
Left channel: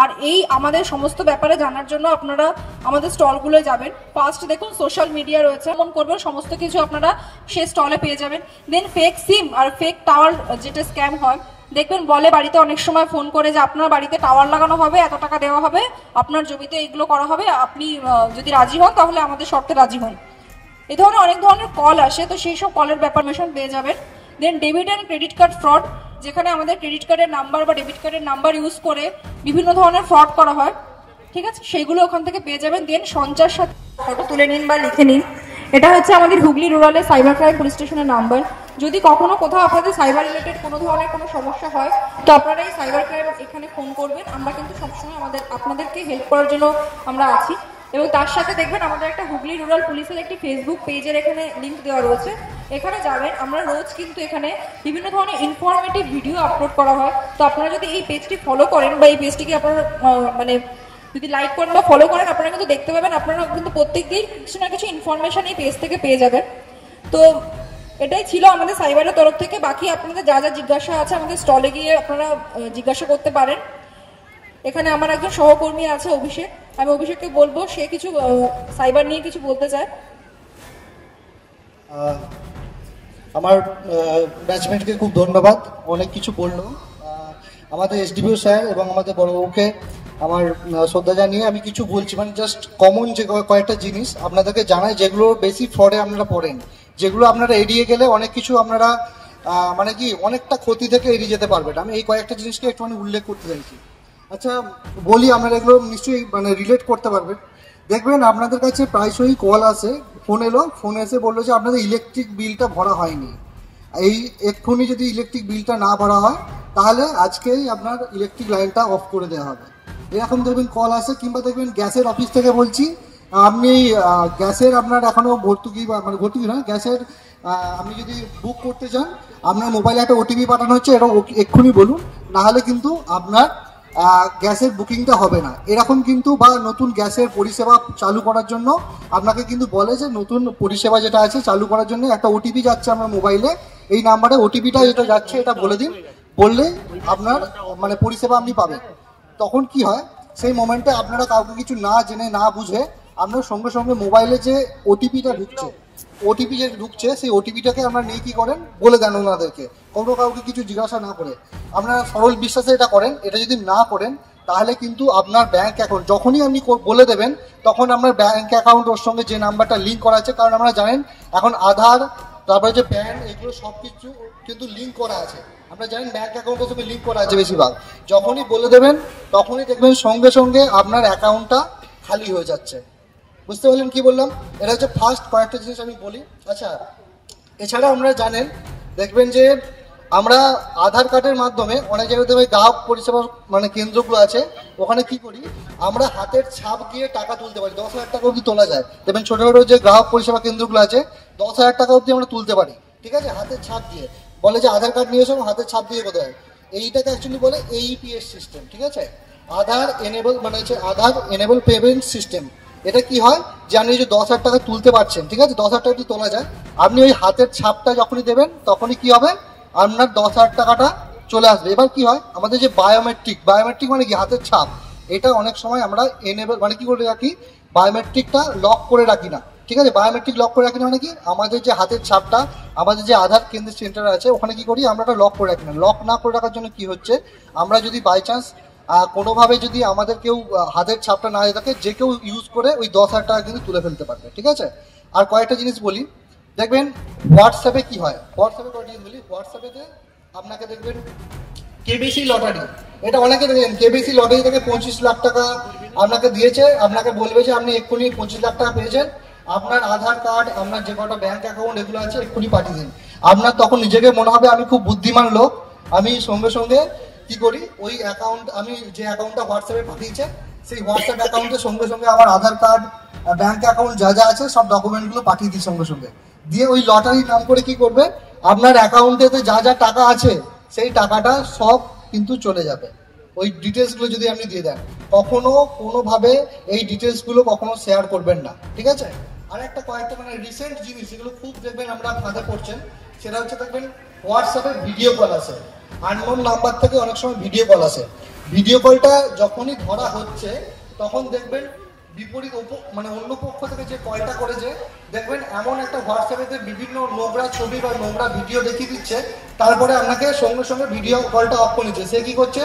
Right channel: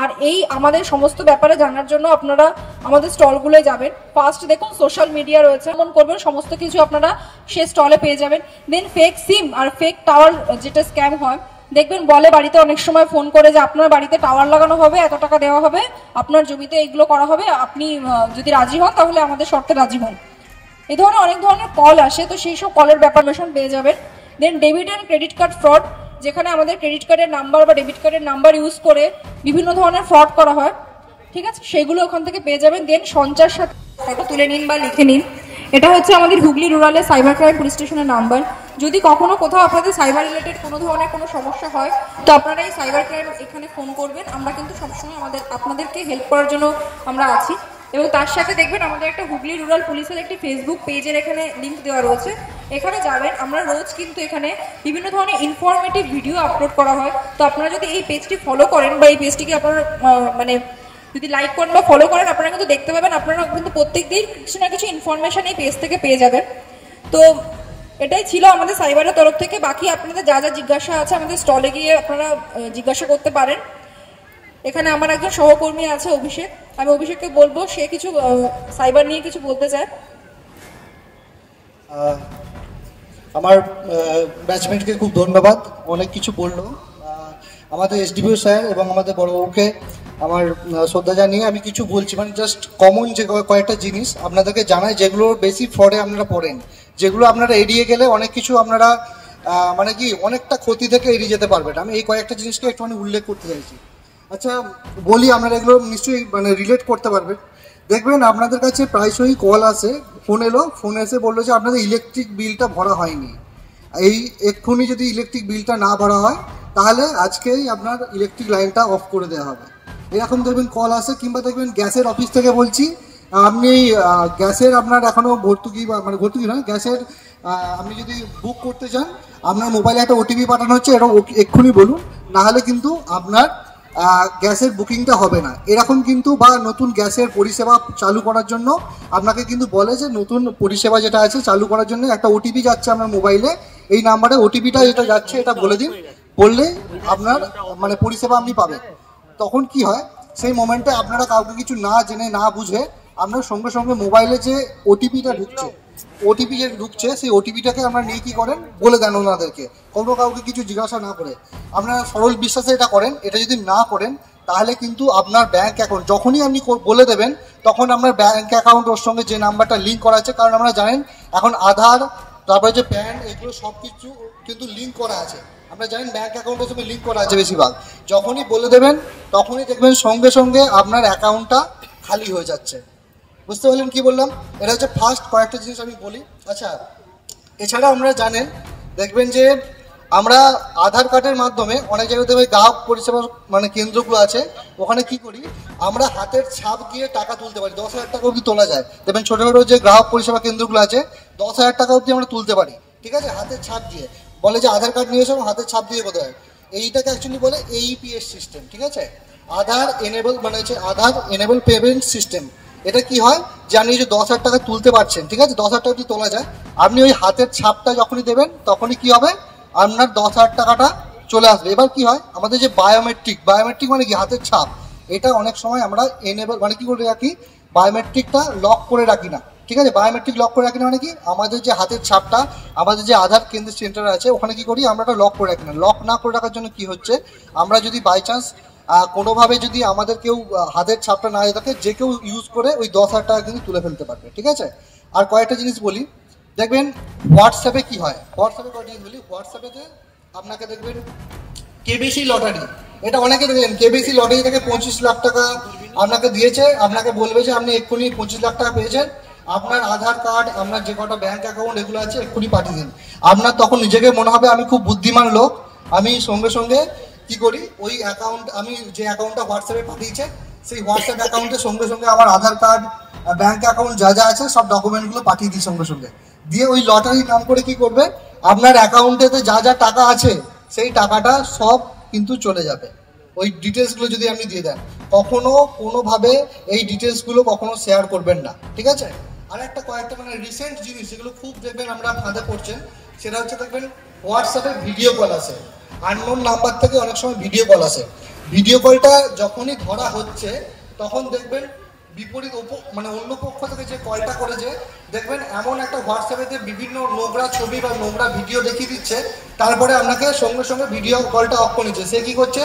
আর এই আমাদের সমস্ত ব্যাপারে জানার জন্য আপনারা আমাদের স্টলগুলোয় যাবেন। ফার্স্ট দেখুন সোশ্যাল মিডিয়া রয়েছে, মন করবেন সমস্ত কিছু আপনারা সেই স্টলে পেয়ে যাবেন। দেন ফেক সিম আর ফেক টাওয়ার যেটা স্ক্যাম হয়, দেখবেন বলে বাড়িতে অনেক সময় ফোন করে যে আপনার বাড়িতে টাওয়ার লাগানো হবে, এত টাকা দেওয়া হবে, আপনার জমিতে এইগুলো করা হবে, আপনি যদি রাজি হন তাহলে আমাদের শর্তে রাজি হন। এই ধরনের অনেক ধরনের কল আসে, তো সেই সব কলের ব্যাপারমেশন পেয়ে যাবেন। Then debit and credit card fraud, যেখানে আমাদের ক্রেডিট কার্ডের নাম্বার বা ডেবিট কার্ডের নাম্বার ইউজ করে বিভিন্ন ধরনের ফ্রড করা হয়, ঠিক আছে, সেইগুলো ওখান থেকে পেয়ে যাবেন। দেন সঞ্চার সাথে ফটো তুলে নিন বা লিখে নিন। এটা হচ্ছে আমাদের হুগলি রুরালের সাইবার ক্রাইম পুলিশ স্টেশনের নাম্বার। যদি কখনো কোথাও আপনাদের সাইবার রিলেটেড কোনো ধরনের কোনো সমস্যা হয়, তো আপনারা এই সাইবার ক্রাইম এখানে ফোন করবেন। আমরা কিন্তু সবসময় আপনাদেরকে হেল্প করার জন্য আমরা আছি। এবং তার সাথে দেখবেন আমাদের একটা হুগলি রুরাল পুলিশের একটি ফেসবুক পেজের এখানে লিঙ্ক দেওয়া রয়েছে, এখানে যাবেন। আমরা রোজ কিন্তু এখানে বিভিন্ন ধরনের ইনফরমেটিভ ভিডিও আপলোড করা হয়। তো আপনারা যদি এই পেজটি ফলো করেন বা এই পেজটিকে আপনারা মানে যদি লাইক করেন বা ফলো করেন, আপনারা কিন্তু দেখতে পাবেন, আপনারা কিন্তু প্রত্যেক দিন কিছু না কিছু ইনফরমেশন এই পেজ থেকে পেয়ে যাবেন। তো এটাই ছিল আমাদের সাইবারের তরফ থেকে। বাকি আপনাদের যা যা জিজ্ঞাসা আছে আমাদের স্টলে গিয়ে আপনারা জিজ্ঞাসা করতে পারেন। এখানে আমার একজন সহকর্মী আছে অভিষেক, আমি অভিষেককে বলবো সে কিছু সাইবার নিয়ে কিছু বলতে চায়। আমার ব্যাচমেটকে খুব ধন্যবাদ, অনেক কিছু বললো। আমাদের এসডিপিও স্যার এবং আমাদের বড়বাবুকে আমার শ্রদ্ধা জানিয়ে আমি কিছু বলছি, মানে জাস্ট কমন যে কয়েকটা জিনিস আপনাদেরকে জানাই, যেগুলো বেশি ফ্রডে আপনারা পড়েন, যেগুলো আপনারা এড়িয়ে গেলে অনেক কিছু আপনারা মানে কি অনেকটা ক্ষতি থেকে এড়িয়ে যেতে পারবেন। আমি এই কয়েকটা জিনিসকে একটুখানি উল্লেখ করতে চাইছি। আচ্ছা বলি, আপনারা এগুলো নিশ্চয়ই মানে রিলেট করতে পারবেন। দেখবেন আপনাদের কাছে প্রায়শই কল আসে, ফোন এলো, ফোন এসে বললো যে আপনাদের ইলেকট্রিক বিলটা ভরা হয়নি, এই এক্ষুনি যদি ইলেকট্রিক বিলটা না ভরা হয় তাহলে আজকেই আপনার ইলেকট্রিক লাইনটা অফ করে দেওয়া হবে, এরকম দেখবেন কল আসে। কিংবা দেখবেন গ্যাসের অফিস থেকে বলছি, আপনি গ্যাসের আপনার এখনো ভর্তুকি বা মানে ভর্তুকি নয়, গ্যাসের আপনি যদি বুক করতে চান আপনার মোবাইলে একটা ওটিপি পাঠানো হচ্ছে, এরকম এক্ষুনি বলুন, নাহলে কিন্তু আপনার গ্যাসের বুকিংটা হবে না, এরকম কিন্তু। বা নতুন গ্যাসের পরিষেবা চালু করার জন্য আপনাকে কিন্তু বলে যে নতুন পরিষেবা যেটা আছে চালু করার জন্য একটা ওটিপি যাচ্ছে আপনার মোবাইলে, এই নাম্বারে ওটিপিটা যেটা যাচ্ছে এটা বলে দিন, বললে আপনার মানে পরিষেবা আপনি পাবেন। তখন কি হয়, সেই মোমেন্টে আপনারা কাউকে কিছু না জেনে না বুঝে আপনার সঙ্গে সঙ্গে মোবাইলে যে ওটিপিটা ঢুকছে সেই ওটিপিটাকে আপনারা নিয়ে কি করেন বলে দেন ওনাদেরকে, কোনো কাউকে কিছু জিজ্ঞাসা না করে। আপনারা সরল বিশ্বাসে এটা করেন। এটা যদি না করেন তাহলে কিন্তু আপনার ব্যাংক অ্যাকাউন্ট যখনই আপনি বলে দেবেন তখন আপনার ব্যাংক অ্যাকাউন্ট ওর সঙ্গে যে নাম্বারটা লিঙ্ক করা আছে, কারণ আপনারা জানেন এখন আধার তারপরে যে প্যান এগুলো সব কিছু কিন্তু লিঙ্ক করা আছে, আমরা জানেন ব্যাংক অ্যাকাউন্টের সঙ্গে লিঙ্ক করা আছে বেশিরভাগ। যখনই বলে দেবেন তখনই দেখবেন সঙ্গে সঙ্গে আপনার অ্যাকাউন্টটা খালি হয়ে যাচ্ছে। বুঝতে পারলেন কি বললাম? এটা হচ্ছে ফার্স্ট কয়েকটা জিনিস আমি বলি। আচ্ছা, এছাড়া আপনারা জানেন দেখবেন যে আমরা আধার কার্ডের মাধ্যমে অনেক জায়গাতে গ্রাহক পরিষেবা মানে কেন্দ্রগুলো আছে, ওখানে কি করি আমরা হাতের ছাপ দিয়ে টাকা তুলতে পারি, 10,000 টাকা অবধি তোলা যায়। দেখবেন ছোটো ছোটো যে গ্রাহক পরিষেবা কেন্দ্রগুলো আছে 10,000 টাকা অবধি আমরা তুলতে পারি, ঠিক আছে, হাতের ছাপ দিয়ে। বলে যে আধার কার্ড নিয়ে এসো, হাতের ছাপ দিয়ে কোথায়, এইটাকে অ্যাকচুয়ালি বলে এইপিএস সিস্টেম, ঠিক আছে, আধার এনেবল মানে হচ্ছে আধার এনেবল পেমেন্ট সিস্টেম। এটা কি হয় যে আপনি যে 10,000 টাকা তুলতে পারছেন, ঠিক আছে, 10,000 টাকা তোলা যায়, আপনি ওই হাতের ছাপটা যখনই দেবেন তখনই কি হবে আপনার 10,000 টাকাটা চলে আসবে। এবার কি হয়, আমাদের যে বায়োমেট্রিক মানে কি হাতের ছাপ, এটা অনেক সময় আমরা এনেবল মানে কি করে রাখি, বায়োমেট্রিকটা লক করে রাখি না। ঠিক আছে, বায়োমেট্রিক লক করে রাখি না মানে কি, আমাদের যে হাতের ছাপটা আমাদের যে আধার কেন্দ্র সেন্টার আছে ওখানে কি করি আমরা ওটা লক করে রাখি না। লক না করে রাখার জন্য কি হচ্ছে, আমরা যদি বাই চান্স কোনোভাবে যদি আমাদের কেউ হাতের ছাপটা না থাকে, যে কেউ ইউজ করে ওই 10,000 টাকা কিন্তু তুলে ফেলতে পারবে। ঠিক আছে, আর কয়েকটা জিনিস বলি, দেখবেন হোয়াটসঅ্যাপে কি হয়, হোয়াটসঅ্যাপেতে আপনাকে দেখবেন কেবিসি লটারি, এটা অনেকে দেখবেন কেবিসি লটারি থেকে 25 লাখ টাকা আপনাকে দিয়েছে, আপনাকে বলবে যে আপনি এক্ষুনি 25 লাখ টাকা পেয়েছেন, আপনার আধার কার্ড, আপনার যে কটা ব্যাংক অ্যাকাউন্ট এগুলো আছে এক্ষুনি পাঠিয়ে দিন। আপনার তখন নিজেকে মনে হবে আমি খুব বুদ্ধিমান লোক, আমি সঙ্গে সঙ্গে কি করি, ওই অ্যাকাউন্ট, আমি যে অ্যাকাউন্টটা হোয়াটসঅ্যাপে পাঠিয়েছে সেই হোয়াটসঅ্যাপ অ্যাকাউন্টের সঙ্গে সঙ্গে আমার আধার কার্ড, ব্যাংক অ্যাকাউন্ট যা যা আছে সব ডকুমেন্টগুলো পাঠিয়ে দিই সঙ্গে সঙ্গে। দিয়ে ওই লটারির নাম করে কি করবে, আপনার অ্যাকাউন্টেতে যা যা টাকা আছে সেই টাকাটা সব কিন্তু চলে যাবে। ওই ডিটেলসগুলো যদি আপনি দিয়ে দেন, কখনো কোনোভাবে এই ডিটেলসগুলো কখনো শেয়ার করবেন না। ঠিক আছে, আর একটা কয়েকটা মানে রিসেন্ট জিনিস যেগুলো খুব দেখবেন আমরা ফাঁদে পড়ছেন, সেটা হচ্ছে দেখবেন হোয়াটসঅ্যাপে ভিডিও কল আসে, আননোন নাম্বার থেকে অনেক সময় ভিডিও কল আসে। ভিডিও কলটা যখনই ধরা হচ্ছে তখন দেখবেন বিপরীত মানে অন্য পক্ষ থেকে যে কলটা করেছে, দেখবেন এমন একটা হোয়াটসঅ্যাপে বিভিন্ন নোংরা ছবি বা নোংরা ভিডিও দেখিয়ে দিচ্ছে, তারপরে আপনাকে সঙ্গে সঙ্গে ভিডিও কলটা অফ করে নিচ্ছে। সে কি করছে,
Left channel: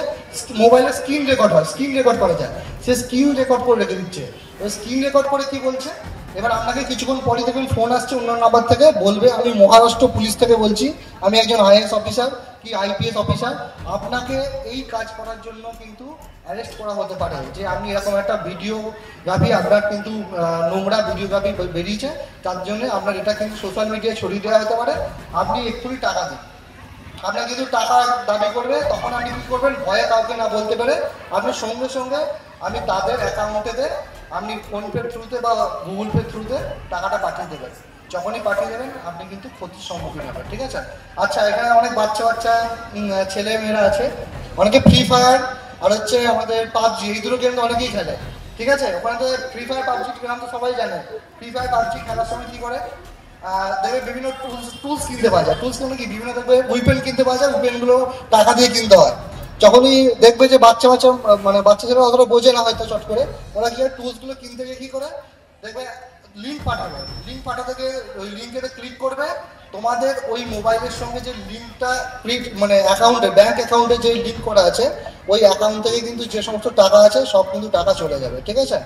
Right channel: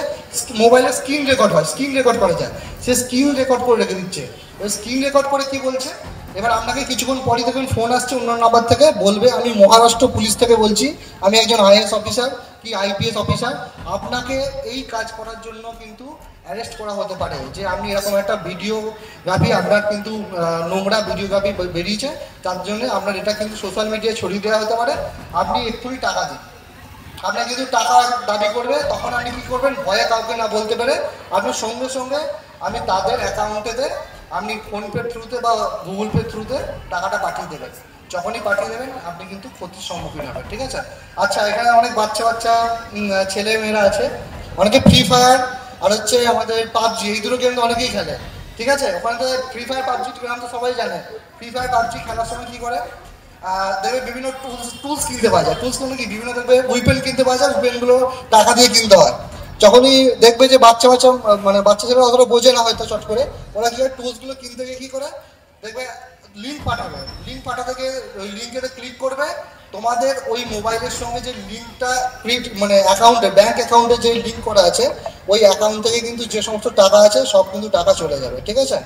মোবাইলে স্ক্রিন রেকর্ড হয়, স্ক্রিন রেকর্ড করা যায়, সে স্ক্রিন রেকর্ড করে রেখে দিচ্ছে। ওই স্ক্রিন রেকর্ড করে কি বলছে, এবার আপনাকে কিছুক্ষণ পরে দেখবেন ফোন আসছে অন্য নাম্বার থেকে, বলবে আমি মহারাষ্ট্র পুলিশ থেকে বলছি, আমি একজন আইএএস অফিসার কি আইপিএস অফিসার, আপনাকে এই কাজ করার জন্য কিন্তু অ্যারেস্ট করা হতে পারে, যে আপনি এরকম একটা ভিডিওগ্রাফি, আপনার কিন্তু নোংরা ভিডিওগ্রাফি বেরিয়েছে, তার জন্য আপনার এটা কিন্তু সোশ্যাল মিডিয়ায় ছড়িয়ে দেওয়া হতে পারে, আপনি এক্ষুনি টাকা দিন। আপনার কিন্তু টাকা দাবি করবে, তখন আপনি কি করবেন, ভয়ে কাউকে না বলতে পারে আপনার সঙ্গে সঙ্গে আমি তাদের অ্যাকাউন্টেতে আপনি ফোনপের থ্রুতে বা গুগল পের থ্রুতে টাকাটা পাঠিয়ে দেবেন। যখনই পাঠিয়ে দেবেন আপনি কিন্তু ক্ষতির সম্মুখীন হবেন। ঠিক আছে, আচ্ছা এখানে অনেক বাচ্চা ছেলে মেয়েরা আছে, অনেকে ফ্রি ফায়ার আর হচ্ছে আমাদের পাবজি, এই দুটো গেম অনেকেই খেলে। ঠিক আছে, ওখানে তো ফ্রি ফায়ার পাবজি গেম তো সবাই জানে। ফ্রি ফায়ার পাবজি খেলার সময় কি করে, দেখবে বিভিন্ন টুলস কিনতে পাওয়া যায়, টুলস কি বিভিন্ন দেখবে উইপেন কিনতে পাওয়া যায়, উইপেনগুলো টাকা দিয়ে কিনতে হয়। যখনই দেখবে যে বাচ্চা মানে বাচ্চা ছেলেরা অতটা বোঝে না হয়তো চট করে, ওরা কি টুলসগুলো কিনতে গিয়ে কি করে, দেখবে লিঙ্ক পাঠাবে, লিঙ্ক পাঠাতে গিয়ে ওই লিঙ্কেতে ক্লিক করবে, তোমাদের ওই মোবাইলের সঙ্গে যে লিঙ্কটা মানে অ্যাকাউন্টে ব্যাংক অ্যাকাউন্টে যে লিঙ্ক করা আছে ওই অ্যাকাউন্ট থেকে কিন্তু যে সমস্ত টাকা আছে সব কিন্তু টাকা চলে যাবে। ঠিক আছে,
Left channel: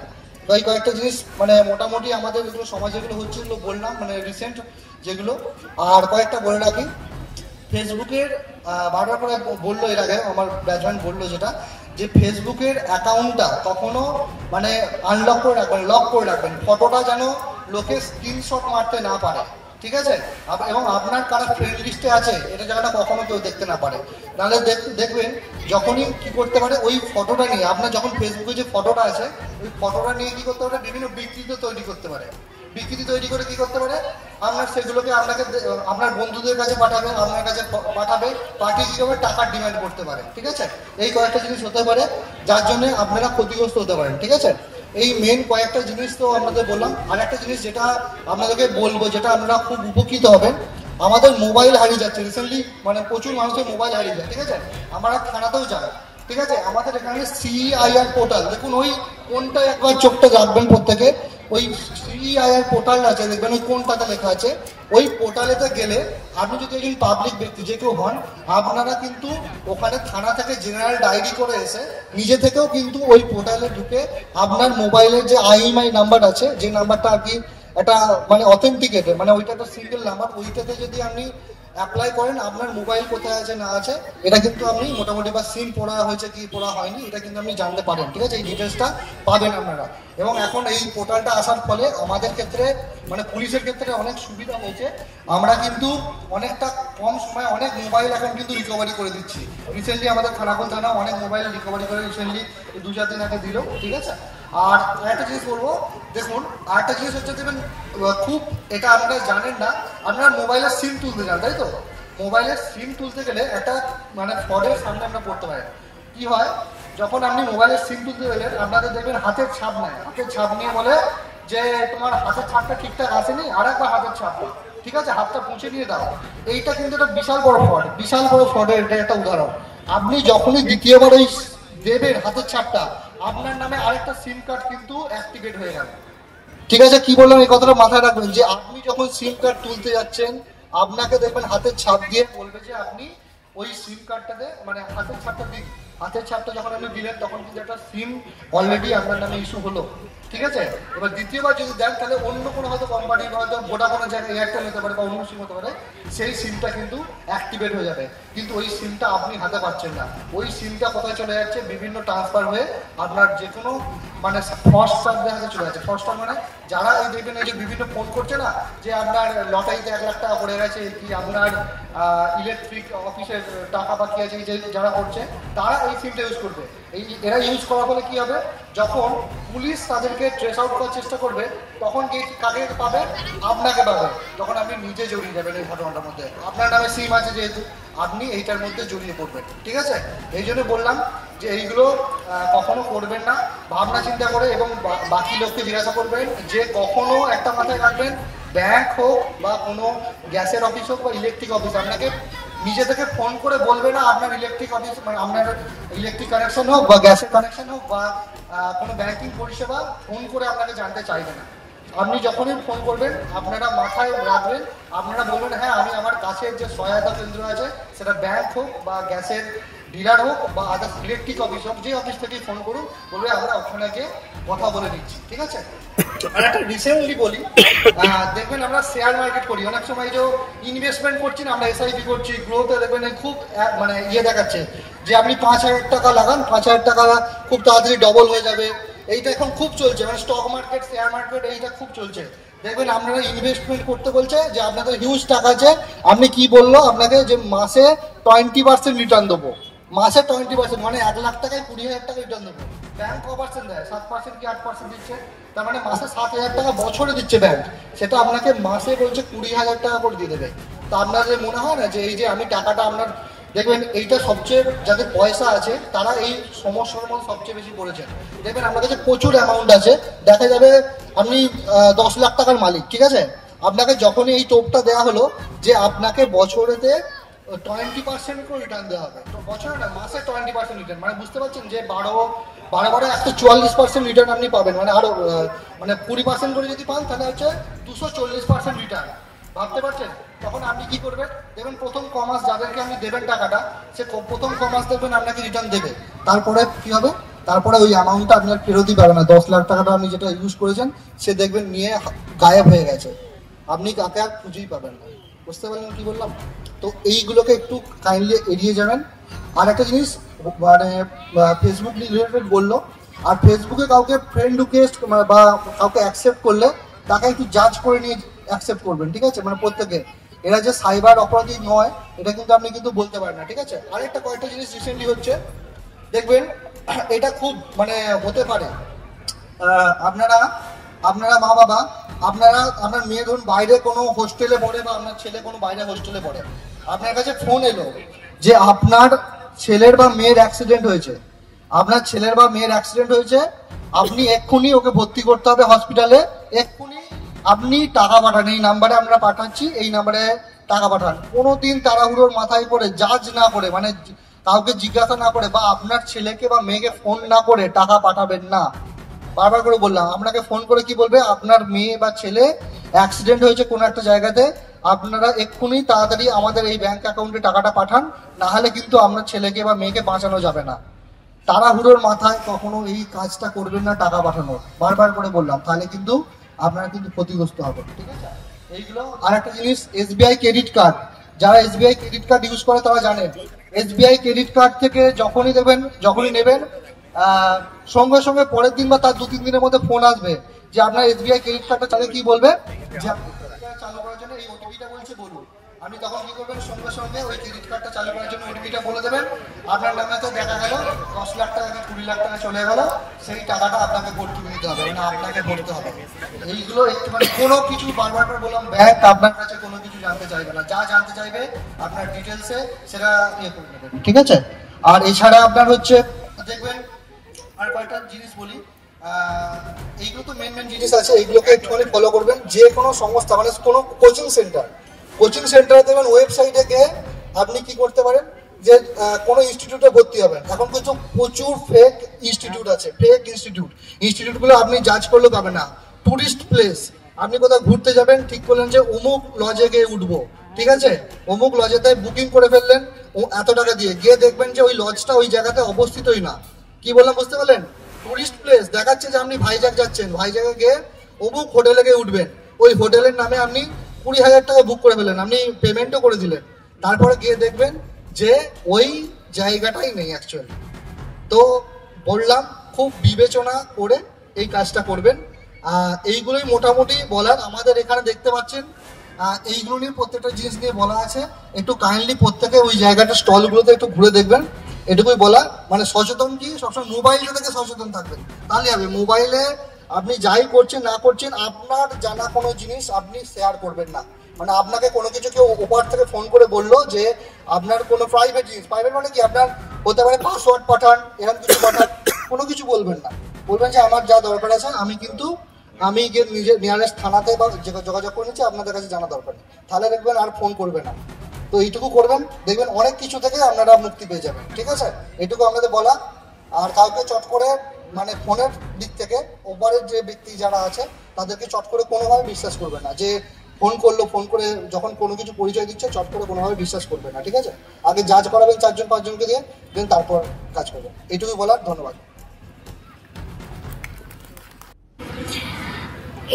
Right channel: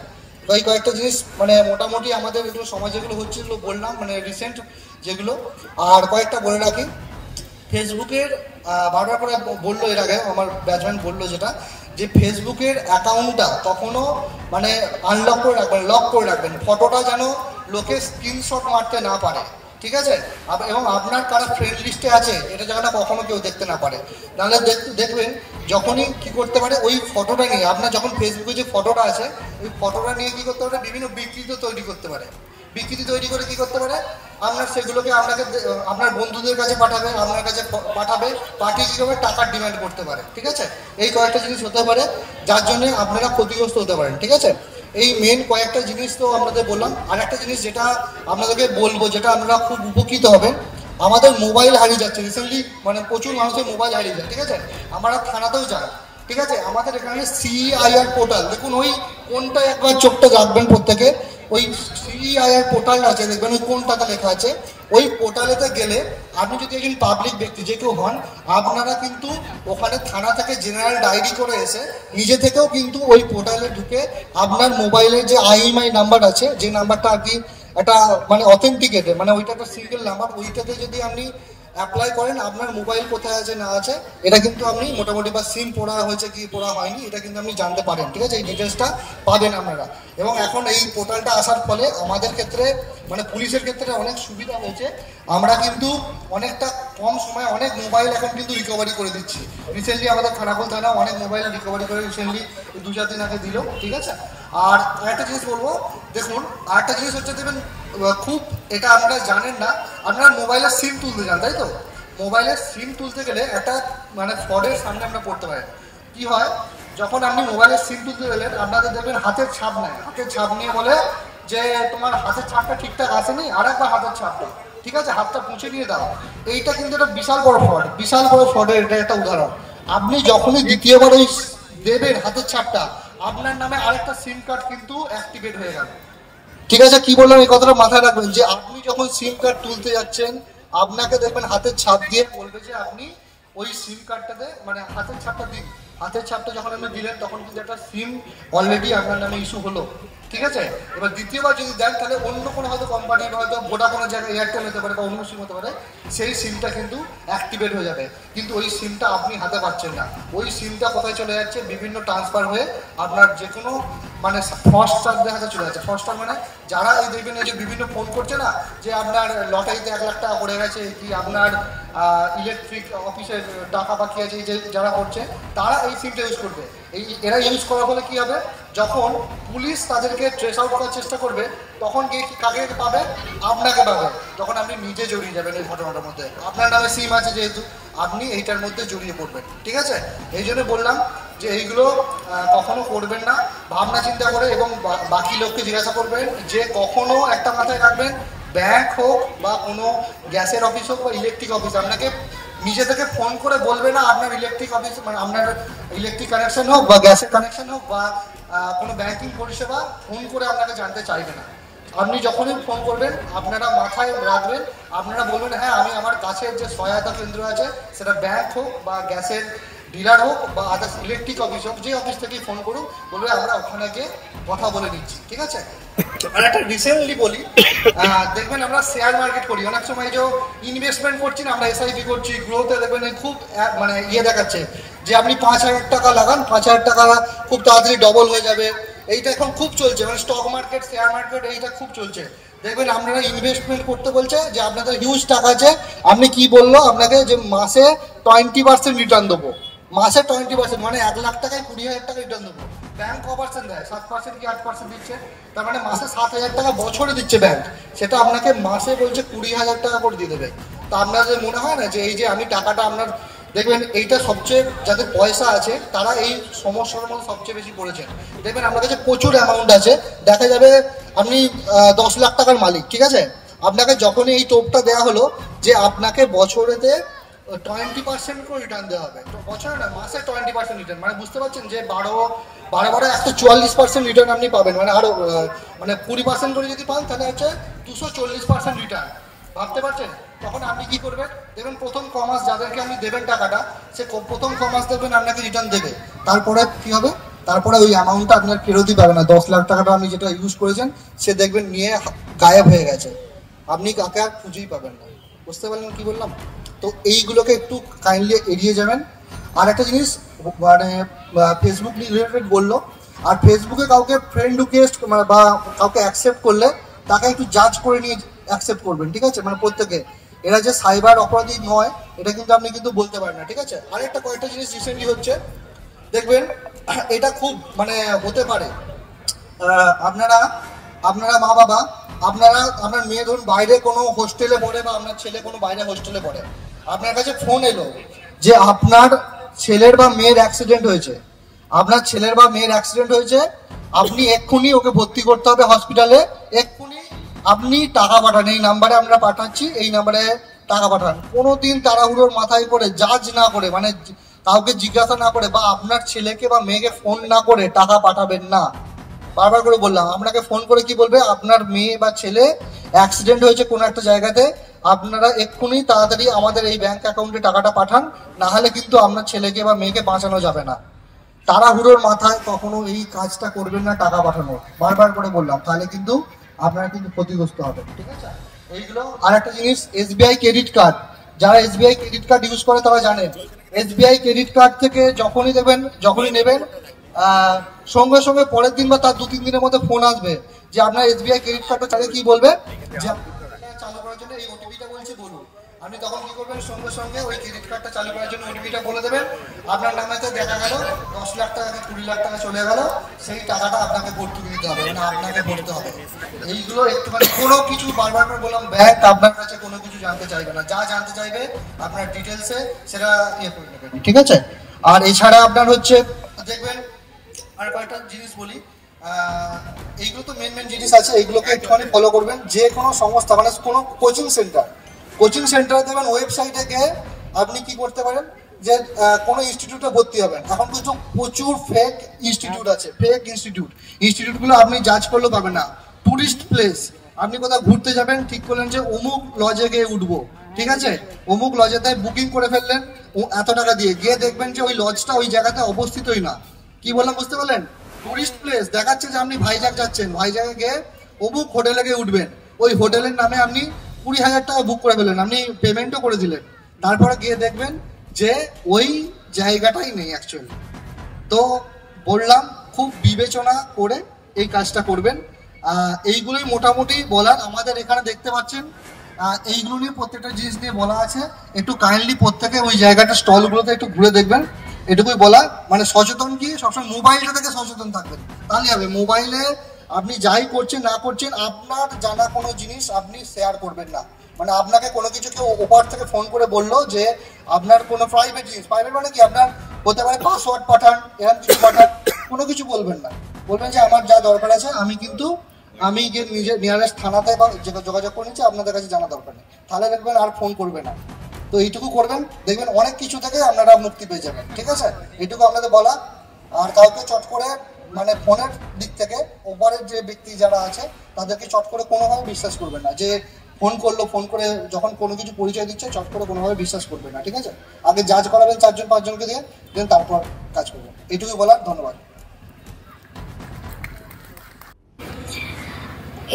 ওই কয়েকটা জিনিস মানে মোটামুটি আমাদের এগুলো সমাজে যেগুলো হচ্ছে এগুলো বললাম, মানে রিসেন্ট যেগুলো। আর কয়েকটা বলে রাখি, ফেসবুকের বারবার করে বললো এর আগে আমার ব্যাচম্যান বললো যেটা, যে ফেসবুকের অ্যাকাউন্টটা কখনো মানে আনলক করে রাখবেন, লক করে রাখবেন, ফটোটা যেন লোকে স্ক্রিনশট মারতে না পারে। ঠিক আছে, এবং আপনার কারো ফ্রেন্ড লিস্টে আছে এটা যেন কখনো কেউ দেখতে না পারে, নাহলে দেখবেন যখনই কি করতে পারে ওই ফটোটা নিয়ে, আপনার যখন ফেসবুকে যে ফটোটা আছে ওই ফটোটা নিয়ে কি করতে পারে, বিভিন্ন বিকৃতি তৈরি করতে পারে। বিকৃতি তৈরি করে কি করতে পারে, আপনার সেগুলোকে আপনাকে আপনার বন্ধুদের কাছে পাঠাবে, আপনার কাছে পাঠাবে, পাঠিয়ে কি করবে, টাকার ডিমান্ড করতে পারে। ঠিক আছে, এই কয়েকটা জিনিস হতে পারে যার জন্য আপনারা ক্ষতিগ্রস্ত হতে পারেন। ঠিক আছে, এই মেন কয়েকটা জিনিস তো আপনাদের বললাম। আর একটা জিনিস যেটা আপনাদেরকে বলবো, যেটা আপনারা খুব উপকৃত হবেন, আমাদের মোবাইল হারিয়ে যাচ্ছে রিসেন্টলি, মানে প্রচুর মানুষের মোবাইল হারিয়ে যায়। ঠিক আছে, আমরা থানাতেও যাই। ঠিক আছে, আমাদের এখানে সিআইআর পোর্টাল, দেখুন ওই কোনটা একবার চোখটা রাখবেন প্রত্যেকে, ওই সিআইআর পোর্টাল আছে দেখবেন ওই কোনটাতে লেখা আছে, ওই পোর্টালেতে গেলে আপনি যদি একজন পাবলিক ব্যক্তি যে কেউ হন, আপনারা কিন্তু ওখানে থানা থেকে জেনারেল ডায়েরি করে এসে নিজে থেকেও কিন্তু ওই পোর্টালে ঢুকে আপনার মোবাইলের যে IMEI নাম্বার আছে, যে নাম্বারটা আর কি একটা মানে অথেন্টিকেটেড, মানে ওইটা একটা সিঙ্গেল নাম্বার, ওইটাতে যদি আপনি অ্যাপ্লাই করেন আপনার মোবাইল কোথায় আছে না আছে এটা কিন্তু আপনি মোটামুটি, বা সিম পড়া হয়েছে কি পড়া হয়নি এটা কিন্তু আপনি জানতে পারেন। ঠিক আছে, এই ডিটেলসটা পাবেন আপনারা। এবং এখন এই পোর্টালটা আসার ফলে আমাদের ক্ষেত্রে মানে পুলিশের ক্ষেত্রে অনেক সুবিধা হয়েছে, আমরা কিন্তু অনেকটা কম সময়ে অনেক মোবাইল এখন কিন্তু রিকভারি করে দিচ্ছি। রিসেন্টলি আমাদের খানাকুল থানা অনেক মোবাইল রিকভারি করে রিসেন্টলি 2-4 দিন আগে দিল। ঠিক আছে, আর আরেকটা জিনিস বলবো, দেখুন আরেকটা জিনিস হচ্ছে দেখবেন খুব, এটা আপনারা জানেন না, আপনারা মোবাইলের সিম তুলতে যান তাই তো, মোবাইলের সিম তুলতে গেলে একটা মানে ফ্রডের সামনে আমরা পড়তে পারি। কি হয়, যখন আপনি মোবাইলের সিম তুলতে গেলেন আপনাদের দেখবেন হাতের ছাপ নেয়, হাতের ছাপ নিয়ে বলে যে তোমার হাতের ছাপটা ঠিকঠাক আসেনি, আর একবার হাতের ছাপটা, ঠিক আছে হাতটা পুঁছে নিয়ে দাও। এইটা কিন্তু একটা বিশাল বড় ফ্রড, বিশাল বড় ফ্রডের এটা একটা উদাহরণ। আপনি যখনই দ্বিতীয়বার ওই দেবেন হাতের ছাপটা, আপনার নামে আরেকটা সিম কার্ড কিন্তু অ্যাক্টিভেট হয়ে গেল। ঠিক আছে, কি বললাম এই কথাটা মাথায় রাখবেন, যে আপনি যখন সিম কার্ড তুলতে যাচ্ছেন আপনাকে দেখবেন হাতের ছাপ দিয়ে বলবে যে আপনি ওই সিম কার্ডটাতে মানে হাতের ছাপটা দিন। হাতের ছাপটা যখন আপনি দিলেন তখন কিন্তু একটা সিম অলরেডি আপনার নামে ইস্যু হলো। ঠিক আছে, এবার দ্বিতীয়বার যদি দেন তাহলে অন্য কোনো হয়তো কোম্পানি হয়তো ভোডাফোনের জায়গায় এয়ারটেল হতে পারে বা অন্য সিম হতে পারে, সেই সিমটা কিন্তু অ্যাক্টিভেট হয়ে যাবে, কিন্তু ওই সিমটা আপনি হাতে পাচ্ছেন না। ওই সিমটা কোথায় চলে যাচ্ছে, বিভিন্ন ট্রান্সফার হয়ে আপনার যে কোনো মানে ফ্রস্টারদের হাতে চলে যাচ্ছে। ফ্রস্টার মানে যারা এই দেখবেন যে বিভিন্ন ফোন করছে না, যে আপনার লটারিতে 1 লাখ টাকা পড়ে গেছে, কি আপনার ইলেকট্রিক অফিসের টাকা বাকি আছে, যে যারা করছে তারা এই সিমটা ইউজ করবে। এরা ইউজ করার ফলে কি হবে, যখন পুলিশ তাদেরকে ট্রেস আউট করার চেষ্টা করবে তখন কাকে পাবে, আপনাকে পাবে। তখন আপনি নিজে জড়িয়ে যাবেন এই ঘটনাটার মধ্যে। আপনার নামে সিম আছে যেহেতু আপনি এইটার মধ্যে জড়িয়ে পড়বেন। ঠিক আছে, এই জন্য বললাম যে এইগুলো কখনো করবেন না, ভাবনা চিন্তা করে এবং বাকি লোককে জিজ্ঞাসা করবেন। যে কখনো একটা মাথায় রাখবেন, ব্যাংক হোক বা কোনো গ্যাসের অফিস হোক বা ইলেকট্রিক অফিস, আপনাকে নিজে থেকে ফোন করে বলবে না আপনার ইলেকট্রিক অফিস মানে আপনার ইলেকট্রিক কানেকশন হোক বা গ্যাসের কানেকশন হোক বা কোনো ব্যাংকিং পরিষেবা ফোন করে আপনাকে জানতে চাইবে না। আপনি যখনই ফোন করবেন আপনারা মাথায় রাখবেন, আপনারা বলবেন হ্যাঁ আমি আমার কাছের যে সহায়তা কেন্দ্র আছে সেটা ব্যাংক হোক বা গ্যাসের ডিলার হোক বা আদার্স ইলেকট্রিক অফিস হোক, যে অফিস থেকেই ফোন করুন, বলবে আমরা ওখানে গিয়ে কথা বলে দিচ্ছি। ঠিক আছে, আর একটা রিসেন্টলি বলি, দেখবেন আমরা শেয়ার মার্কেট করি, অনেক সময় যে ইনভেস্টমেন্ট করছি না, আমরা এসআইপি করছি, গ্রোথে দেখবেন খুব মানে দেখাচ্ছে যে আপনি 5,000 টাকা লাগান, 5,000 টাকা খুব তাড়াতাড়ি ডবল হয়ে যাবে। এইটা এখন খুব চলছে, মানে স্টক মার্কেট, শেয়ার মার্কেট, এইটা খুব চলছে। দেখবেন আপনারা ইনভেস্টমেন্ট করতে বলছে যে আপনাদের হিউজ টাকা আছে, আপনি কি বললো আপনাকে যে মাসে 20% রিটার্ন দেবো, মাসে 20% মানে 1 লাখ টাকায় 20,000 টাকা রিটার্ন দেবো। ব্যাংক কভারসেন্ট দেয় 7% কি 8% দিচ্ছে, তার মানে মাসে 7,000 টাকা বছরে দিচ্ছে ব্যাংক, সেটা আপনাকে মাসে বলছে 20,000 টাকা করে দিয়ে দেবে। তা আপনার যে মনে হয় না যে এই যে আমি টাকাটা আপনার, দেখবেন এইটা সবচেয়ে যাদের পয়সা আছে তারা এই সমস্যার মধ্যে সবচেয়ে বেশি পড়েছে। দেখবেন আমার কাছে প্রচুর অ্যামাউন্ট আছে, দেখা যাবে আপনি 10 লাখ টাকার মালিক, ঠিক আছে, আপনাকে যখনই এই টোপটা দেওয়া হলো যে আপনাকে বছরেতে 20% করে রিটার্ন দেওয়া হবে, তো বছরে না মাসে 20% রিটার্ন, মানে বুঝতে পারছেন যে 12 144% রিটার্ন আপনি পাবেন, মানে আরো মানে 20% করে যদি পান তাহলে হচ্ছে 240% রিটার্ন। ভাবতে পারছেন? তখন আপনি কি করবেন, দেখবেন প্রথম কমাস যাদেরকে আপনি দেবেন টাকাটা, সে প্রথম কমাস দেখবেন আপনাকে রিটার্ন দেবে, তারপরে কি হবে, তারপরে ওই অ্যামাউন্টটা আপনার ফেরতই পাবে না। 10 লাখ টাকাটা আপনি যেটা ইউজ করেছেন সে দেখবেন নিয়ে গায়েব হয়ে গেছে, আপনি কাকে আর খুঁজেই পাবেন না। বুঝতে পারলেন কি বললাম? তো এইগুলোকে একটু কাইন্ডলি এড়িয়ে যাবেন। আর একটা জিনিস মানে ফেসবুক রিলেটেড বললো, আর ফেসবুকে কাউকে ফ্রেন্ড রিকোয়েস্ট বা কাউকে অ্যাকসেপ্ট করলে তাকে একটু জাজ করে নিয়ে অ্যাকসেপ্ট করবেন। ঠিক আছে, মানে প্রত্যেকে এরা যে সাইবার অপরাধী নয় এটা কিন্তু আপনি কিন্তু বলতে পারেন না। ঠিক আছে, আরেকটা কয়েকটা জিনিস রিসেন্টলি হচ্ছে, দেখবেন এটা খুব মানে হতে পারে, আপনারা মা বাবা, আপনার মেয়ে ধরুন বাইরে কোনো হোস্টেলে পড়ে বা আপনার ছেলে কোনো বাইরে হোস্টেলে পড়ে, আপনার কাছে ফোন এলো যে আপনার ছেলের বা মেয়ের অ্যাক্সিডেন্ট হয়েছে, আপনি এক্ষুনি ওকে ভর্তি করতে হবে হসপিটালে, এক্ষুনি আপনি টাকা পাঠান, এই নাম্বারে আমরা পাঠাচ্ছি, এই নাম্বারে টাকা পাঠান। কোনোদিন তাড়াহুড়োর মাথায় করে জাজ না করে, মানে কাউকে জিজ্ঞাসা না করে বা আপনার ছেলেকে বা মেয়েকে ফোন না করে টাকা পাঠাবেন না। বারবার করে বললাম, আপনাকে ফোন করে কি বলবে, আপনার মেয়ে বা ছেলে অ্যাক্সিডেন্ট হয়েছে কোনো একটা জায়গাতে, আপনারা এক্ষুনি তাড়াতাড়ি আমাদের এই ব্যাংক অ্যাকাউন্টে টাকাটা পাঠান, না হলে কিন্তু আপনার ছেলেকে বা মেয়েকে বাঁচানো যাবে না। তাড়াহুড়োর মাথায় কখনো এই কাজটা করবেন না, টাকা পাঠানো, বারবার করে বললাম, তাহলে কিন্তু আপনারা কিন্তু ক্ষতিগ্রস্ত হবে। ঠিক আছে, এইগুলো। আর একটা জিনিস, SBI ক্রেডিট কার্ড, যারা SBI ক্রেডিট কার্ড ইউজ করে তারা জানে, SBI ক্রেডিট কার্ড থেকে যখনই নেবেন সঙ্গে সঙ্গে পরের দিন বা তার 2-3 দিনের মধ্যে ফোন আসবে যে আপনার SBI ক্রেডিট কার্ডটা চাইলে কি বলবে যে চালু করার জন্য এই ওটিপিটা বলছে বলুন। আপনি তখন কি করবেন, সঙ্গে সঙ্গে ওই ক্রেডিট কার্ডটা চালু করার জন্য ওটিপিটা বলে দেবেন, আপনার নামে তো দেখা গেল 10 লাখ টাকা 20 লাখ টাকা চলে গেল, সেই টাকাটা আপনাকে ভর্তি নিতে হবে না, আপনাকে ভরতে হবে। এইগুলো একটু মানে কোনো কিছু বারবার করে বললাম, ব্যাংক আপনার কাছে কোনো কিছু জানতে চাইবে না, যা জানতে চাইবে আপনার ডিটেলসে সেটা করে নেবেন। ঠিক আছে, আর এছাড়া আপনার হচ্ছে দেখবেন আর কয়েকটা জিনিস বলি, এইগুলো তো মেন জিনিস আছে, এইগুলোকে একটুখানি ফলো করবেন। যে কোনো সংস্থা মানে কোনো কোচিং সেন্টারে দেবেন, ওয়েবসাইটে গিয়ে আপনি কি করতে পারেন, যে কোনো ইনস্টিটিউটে ভর্তি হবেন। এখন কিন্তু প্রচুর ফেক ইনস্টিটিউট আছে, ফেক ইনস্টিটিউটগুলো আপনি জাজ করলেও পাবেন না। টুরিস্ট প্লেস, আপনি কোথাও ঘুরতে যাবেন, ঠিক করলেন যে অমুক লজে গিয়ে উঠবো, ঠিক আছে, অমুক লজেতে বুকিং করে ফেললেন এত টাকা দিয়ে, গিয়ে দেখবেন যে ওই লজটা ওই জায়গাতে অবস্থিতই না। কি বললাম বুঝতে পারলেন? টুরিস্ট প্লেস দেখাচ্ছে যে আপনি ভাইজাগ যাচ্ছেন, ভাইজাগে গিয়ে অমুক হোটেলে গিয়ে উঠবেন, ওই হোটেলের নামে আপনি 20,000 টাকা বুক করে ফেলেন, আপনি পেমেন্টও করে দিলেন, তারপরে গিয়ে দেখবেন যে ওই জায়গাটাই নেই অ্যাকচুয়ালি। তো বললাম খুব বিবেচনা করে এই কাজটা করবেন। এইগুলোই মোটামুটি বলার। আমাদের এখানে দেখতে পাচ্ছেন এইগুলো নিয়ে প্রত্যেকটা জিনিস নিয়ে বলা আছে। একটু কাইন্ডলি প্রত্যেকে ওই জায়গাটা স্টলগুলোতে একটু ঘুরে দেখবেন, এটুকুই বলা। মানে সচেতন কি, সবসময় মোবাইলটা থেকে সচেতন থাকবেন, তাহলে হবে। মোবাইলে আপনি যাই করছেন না করছেন, আপনার জানা কোনো জিনিস আপনি শেয়ার করবেন না। মানে আপনাকে কোনো কিছু কেউ ওপার থেকে ফোন করে বললো যে আপনার কোনো প্রাইভেট জিনিস, প্রাইভেট মানে কি, আপনার হতে পারে পাসওয়ার্ড পাঠান, এরকম কিছু পাঠান, কোনো কিছু বলবেন না। বলবেন যে আমার যা দরকার আছে আমি গিয়ে নিজের নিয়ারেস্ট থানাতে বা যোগাযোগ করে নিচ্ছি, আপনাদের কাছে জানা দরকার নেই, তাহলে দেখবেন আর ফোন করবে না। তো এইটুকু করবেন, দেখবেন অনেক কিছু থেকে আপনারা মুক্তি পেয়ে যাবেন, ঠিক আছে? এইটুকু আপনাদের বলা। আর কাউকে চট করে মানে ফোনের দিক থেকে ওপারের যে ব্যক্তি যারা আছে তাদেরকে চট করে কোনোভাবে বিশ্বাস করবে না, যে ফোন করলো, ফোন করে যখন কোনো কিছু পরিচয় দিচ্ছে চট করে কোনোভাবে বিশ্বাস করবে না, ঠিক আছে? আগে জাজ করাবেন 4-5 জনকে দিয়ে, দেন তারপর কাজ করবেন। এইটুকু বলার। ধন্যবাদ।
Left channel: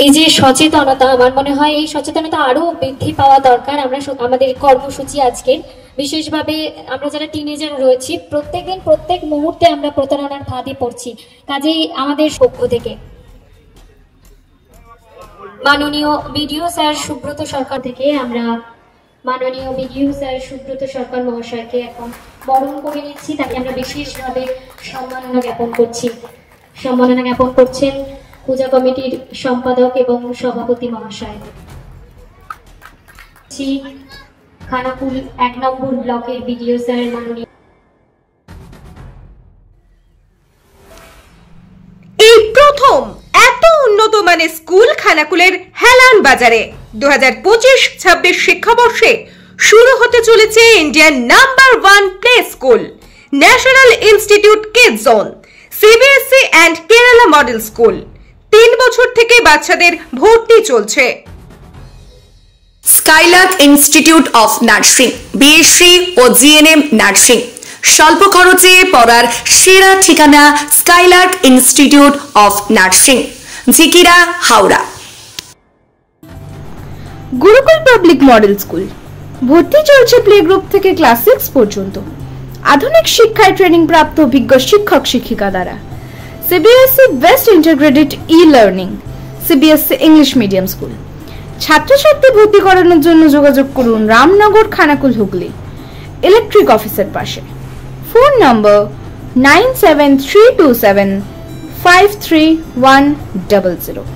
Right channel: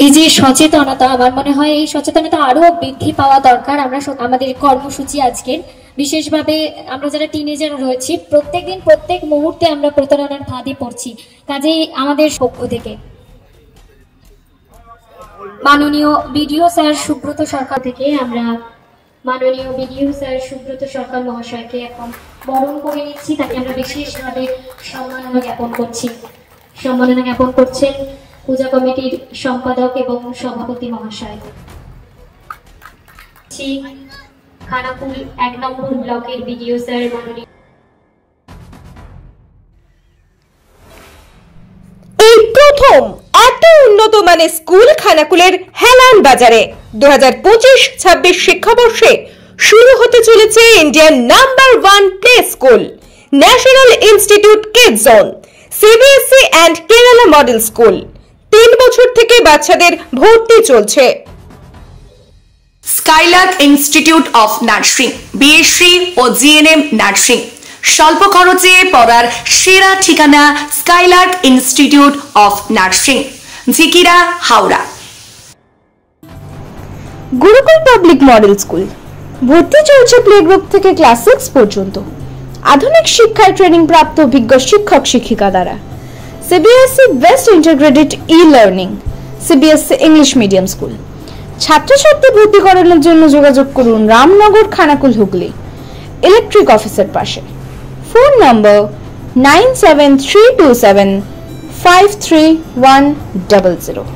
এই যে সচেতনতা, আমার মনে হয় এই সচেতনতা আরো বৃদ্ধি পাওয়া দরকার। আমরা আমাদের কর্মসূচি আজকের বিশেষভাবে আমরা যারা টিনেজার রয়েছি, প্রত্যেকদিন প্রত্যেক মুহূর্তে আমরা প্রতারণার ফাঁদে পড়ছি। কাজেই আমাদের পক্ষ থেকে মাননীয় বিডিও স্যার সুব্রত সরকার থেকে আমরা মাননীয় বিডিও স্যার সুব্রত সরকার মহাশয়কে এখন বরণ করে নিচ্ছি। তাকে আমরা বিশেষভাবে সম্মাননা জ্ঞাপন করছি। সম্মাননা জ্ঞাপন করছেন পূজা কমিটির সম্পাদক এবং সভাপতি মহাশয়। খানাকুল 1 নম্বর ব্লকের বিডিও স্যার মাননীয়। এই প্রথম এত উন্নত মানের স্কুল খানাকুলের হেলান বাজারে 2025-26 শিক্ষাবর্ষে শুরু হতে চলেছে ইন্ডিয়ার number 1 play school, national institute kids zone, CBSE and Kerala model school. 3 বছর থেকে বাচ্চাদের ভর্তি চলছে। Skylark institute of nursing, BSc ও জিএনএম নার্সিং। স্বল্প খরচে পড়ার সেরা ঠিকানা Skylark institute of nursing, Jhikira, Howrah. Gurukul public model school, ভর্তি চলছে প্লে গ্রুপ থেকে ক্লাস 6 পর্যন্ত। আধুনিক শিক্ষায় ট্রেনিং প্রাপ্ত অভিজ্ঞ শিক্ষক শিক্ষিকা দ্বারা। CBSE best integrated e-learning, CBSE English medium school. ছাত্রছাত্রী ভর্তি করানোর জন্য যোগাযোগ করুন রামনগর, খানাকুল, হুগলি, ইলেকট্রিক অফিসের পাশে। ফোন নম্বর 9732753100।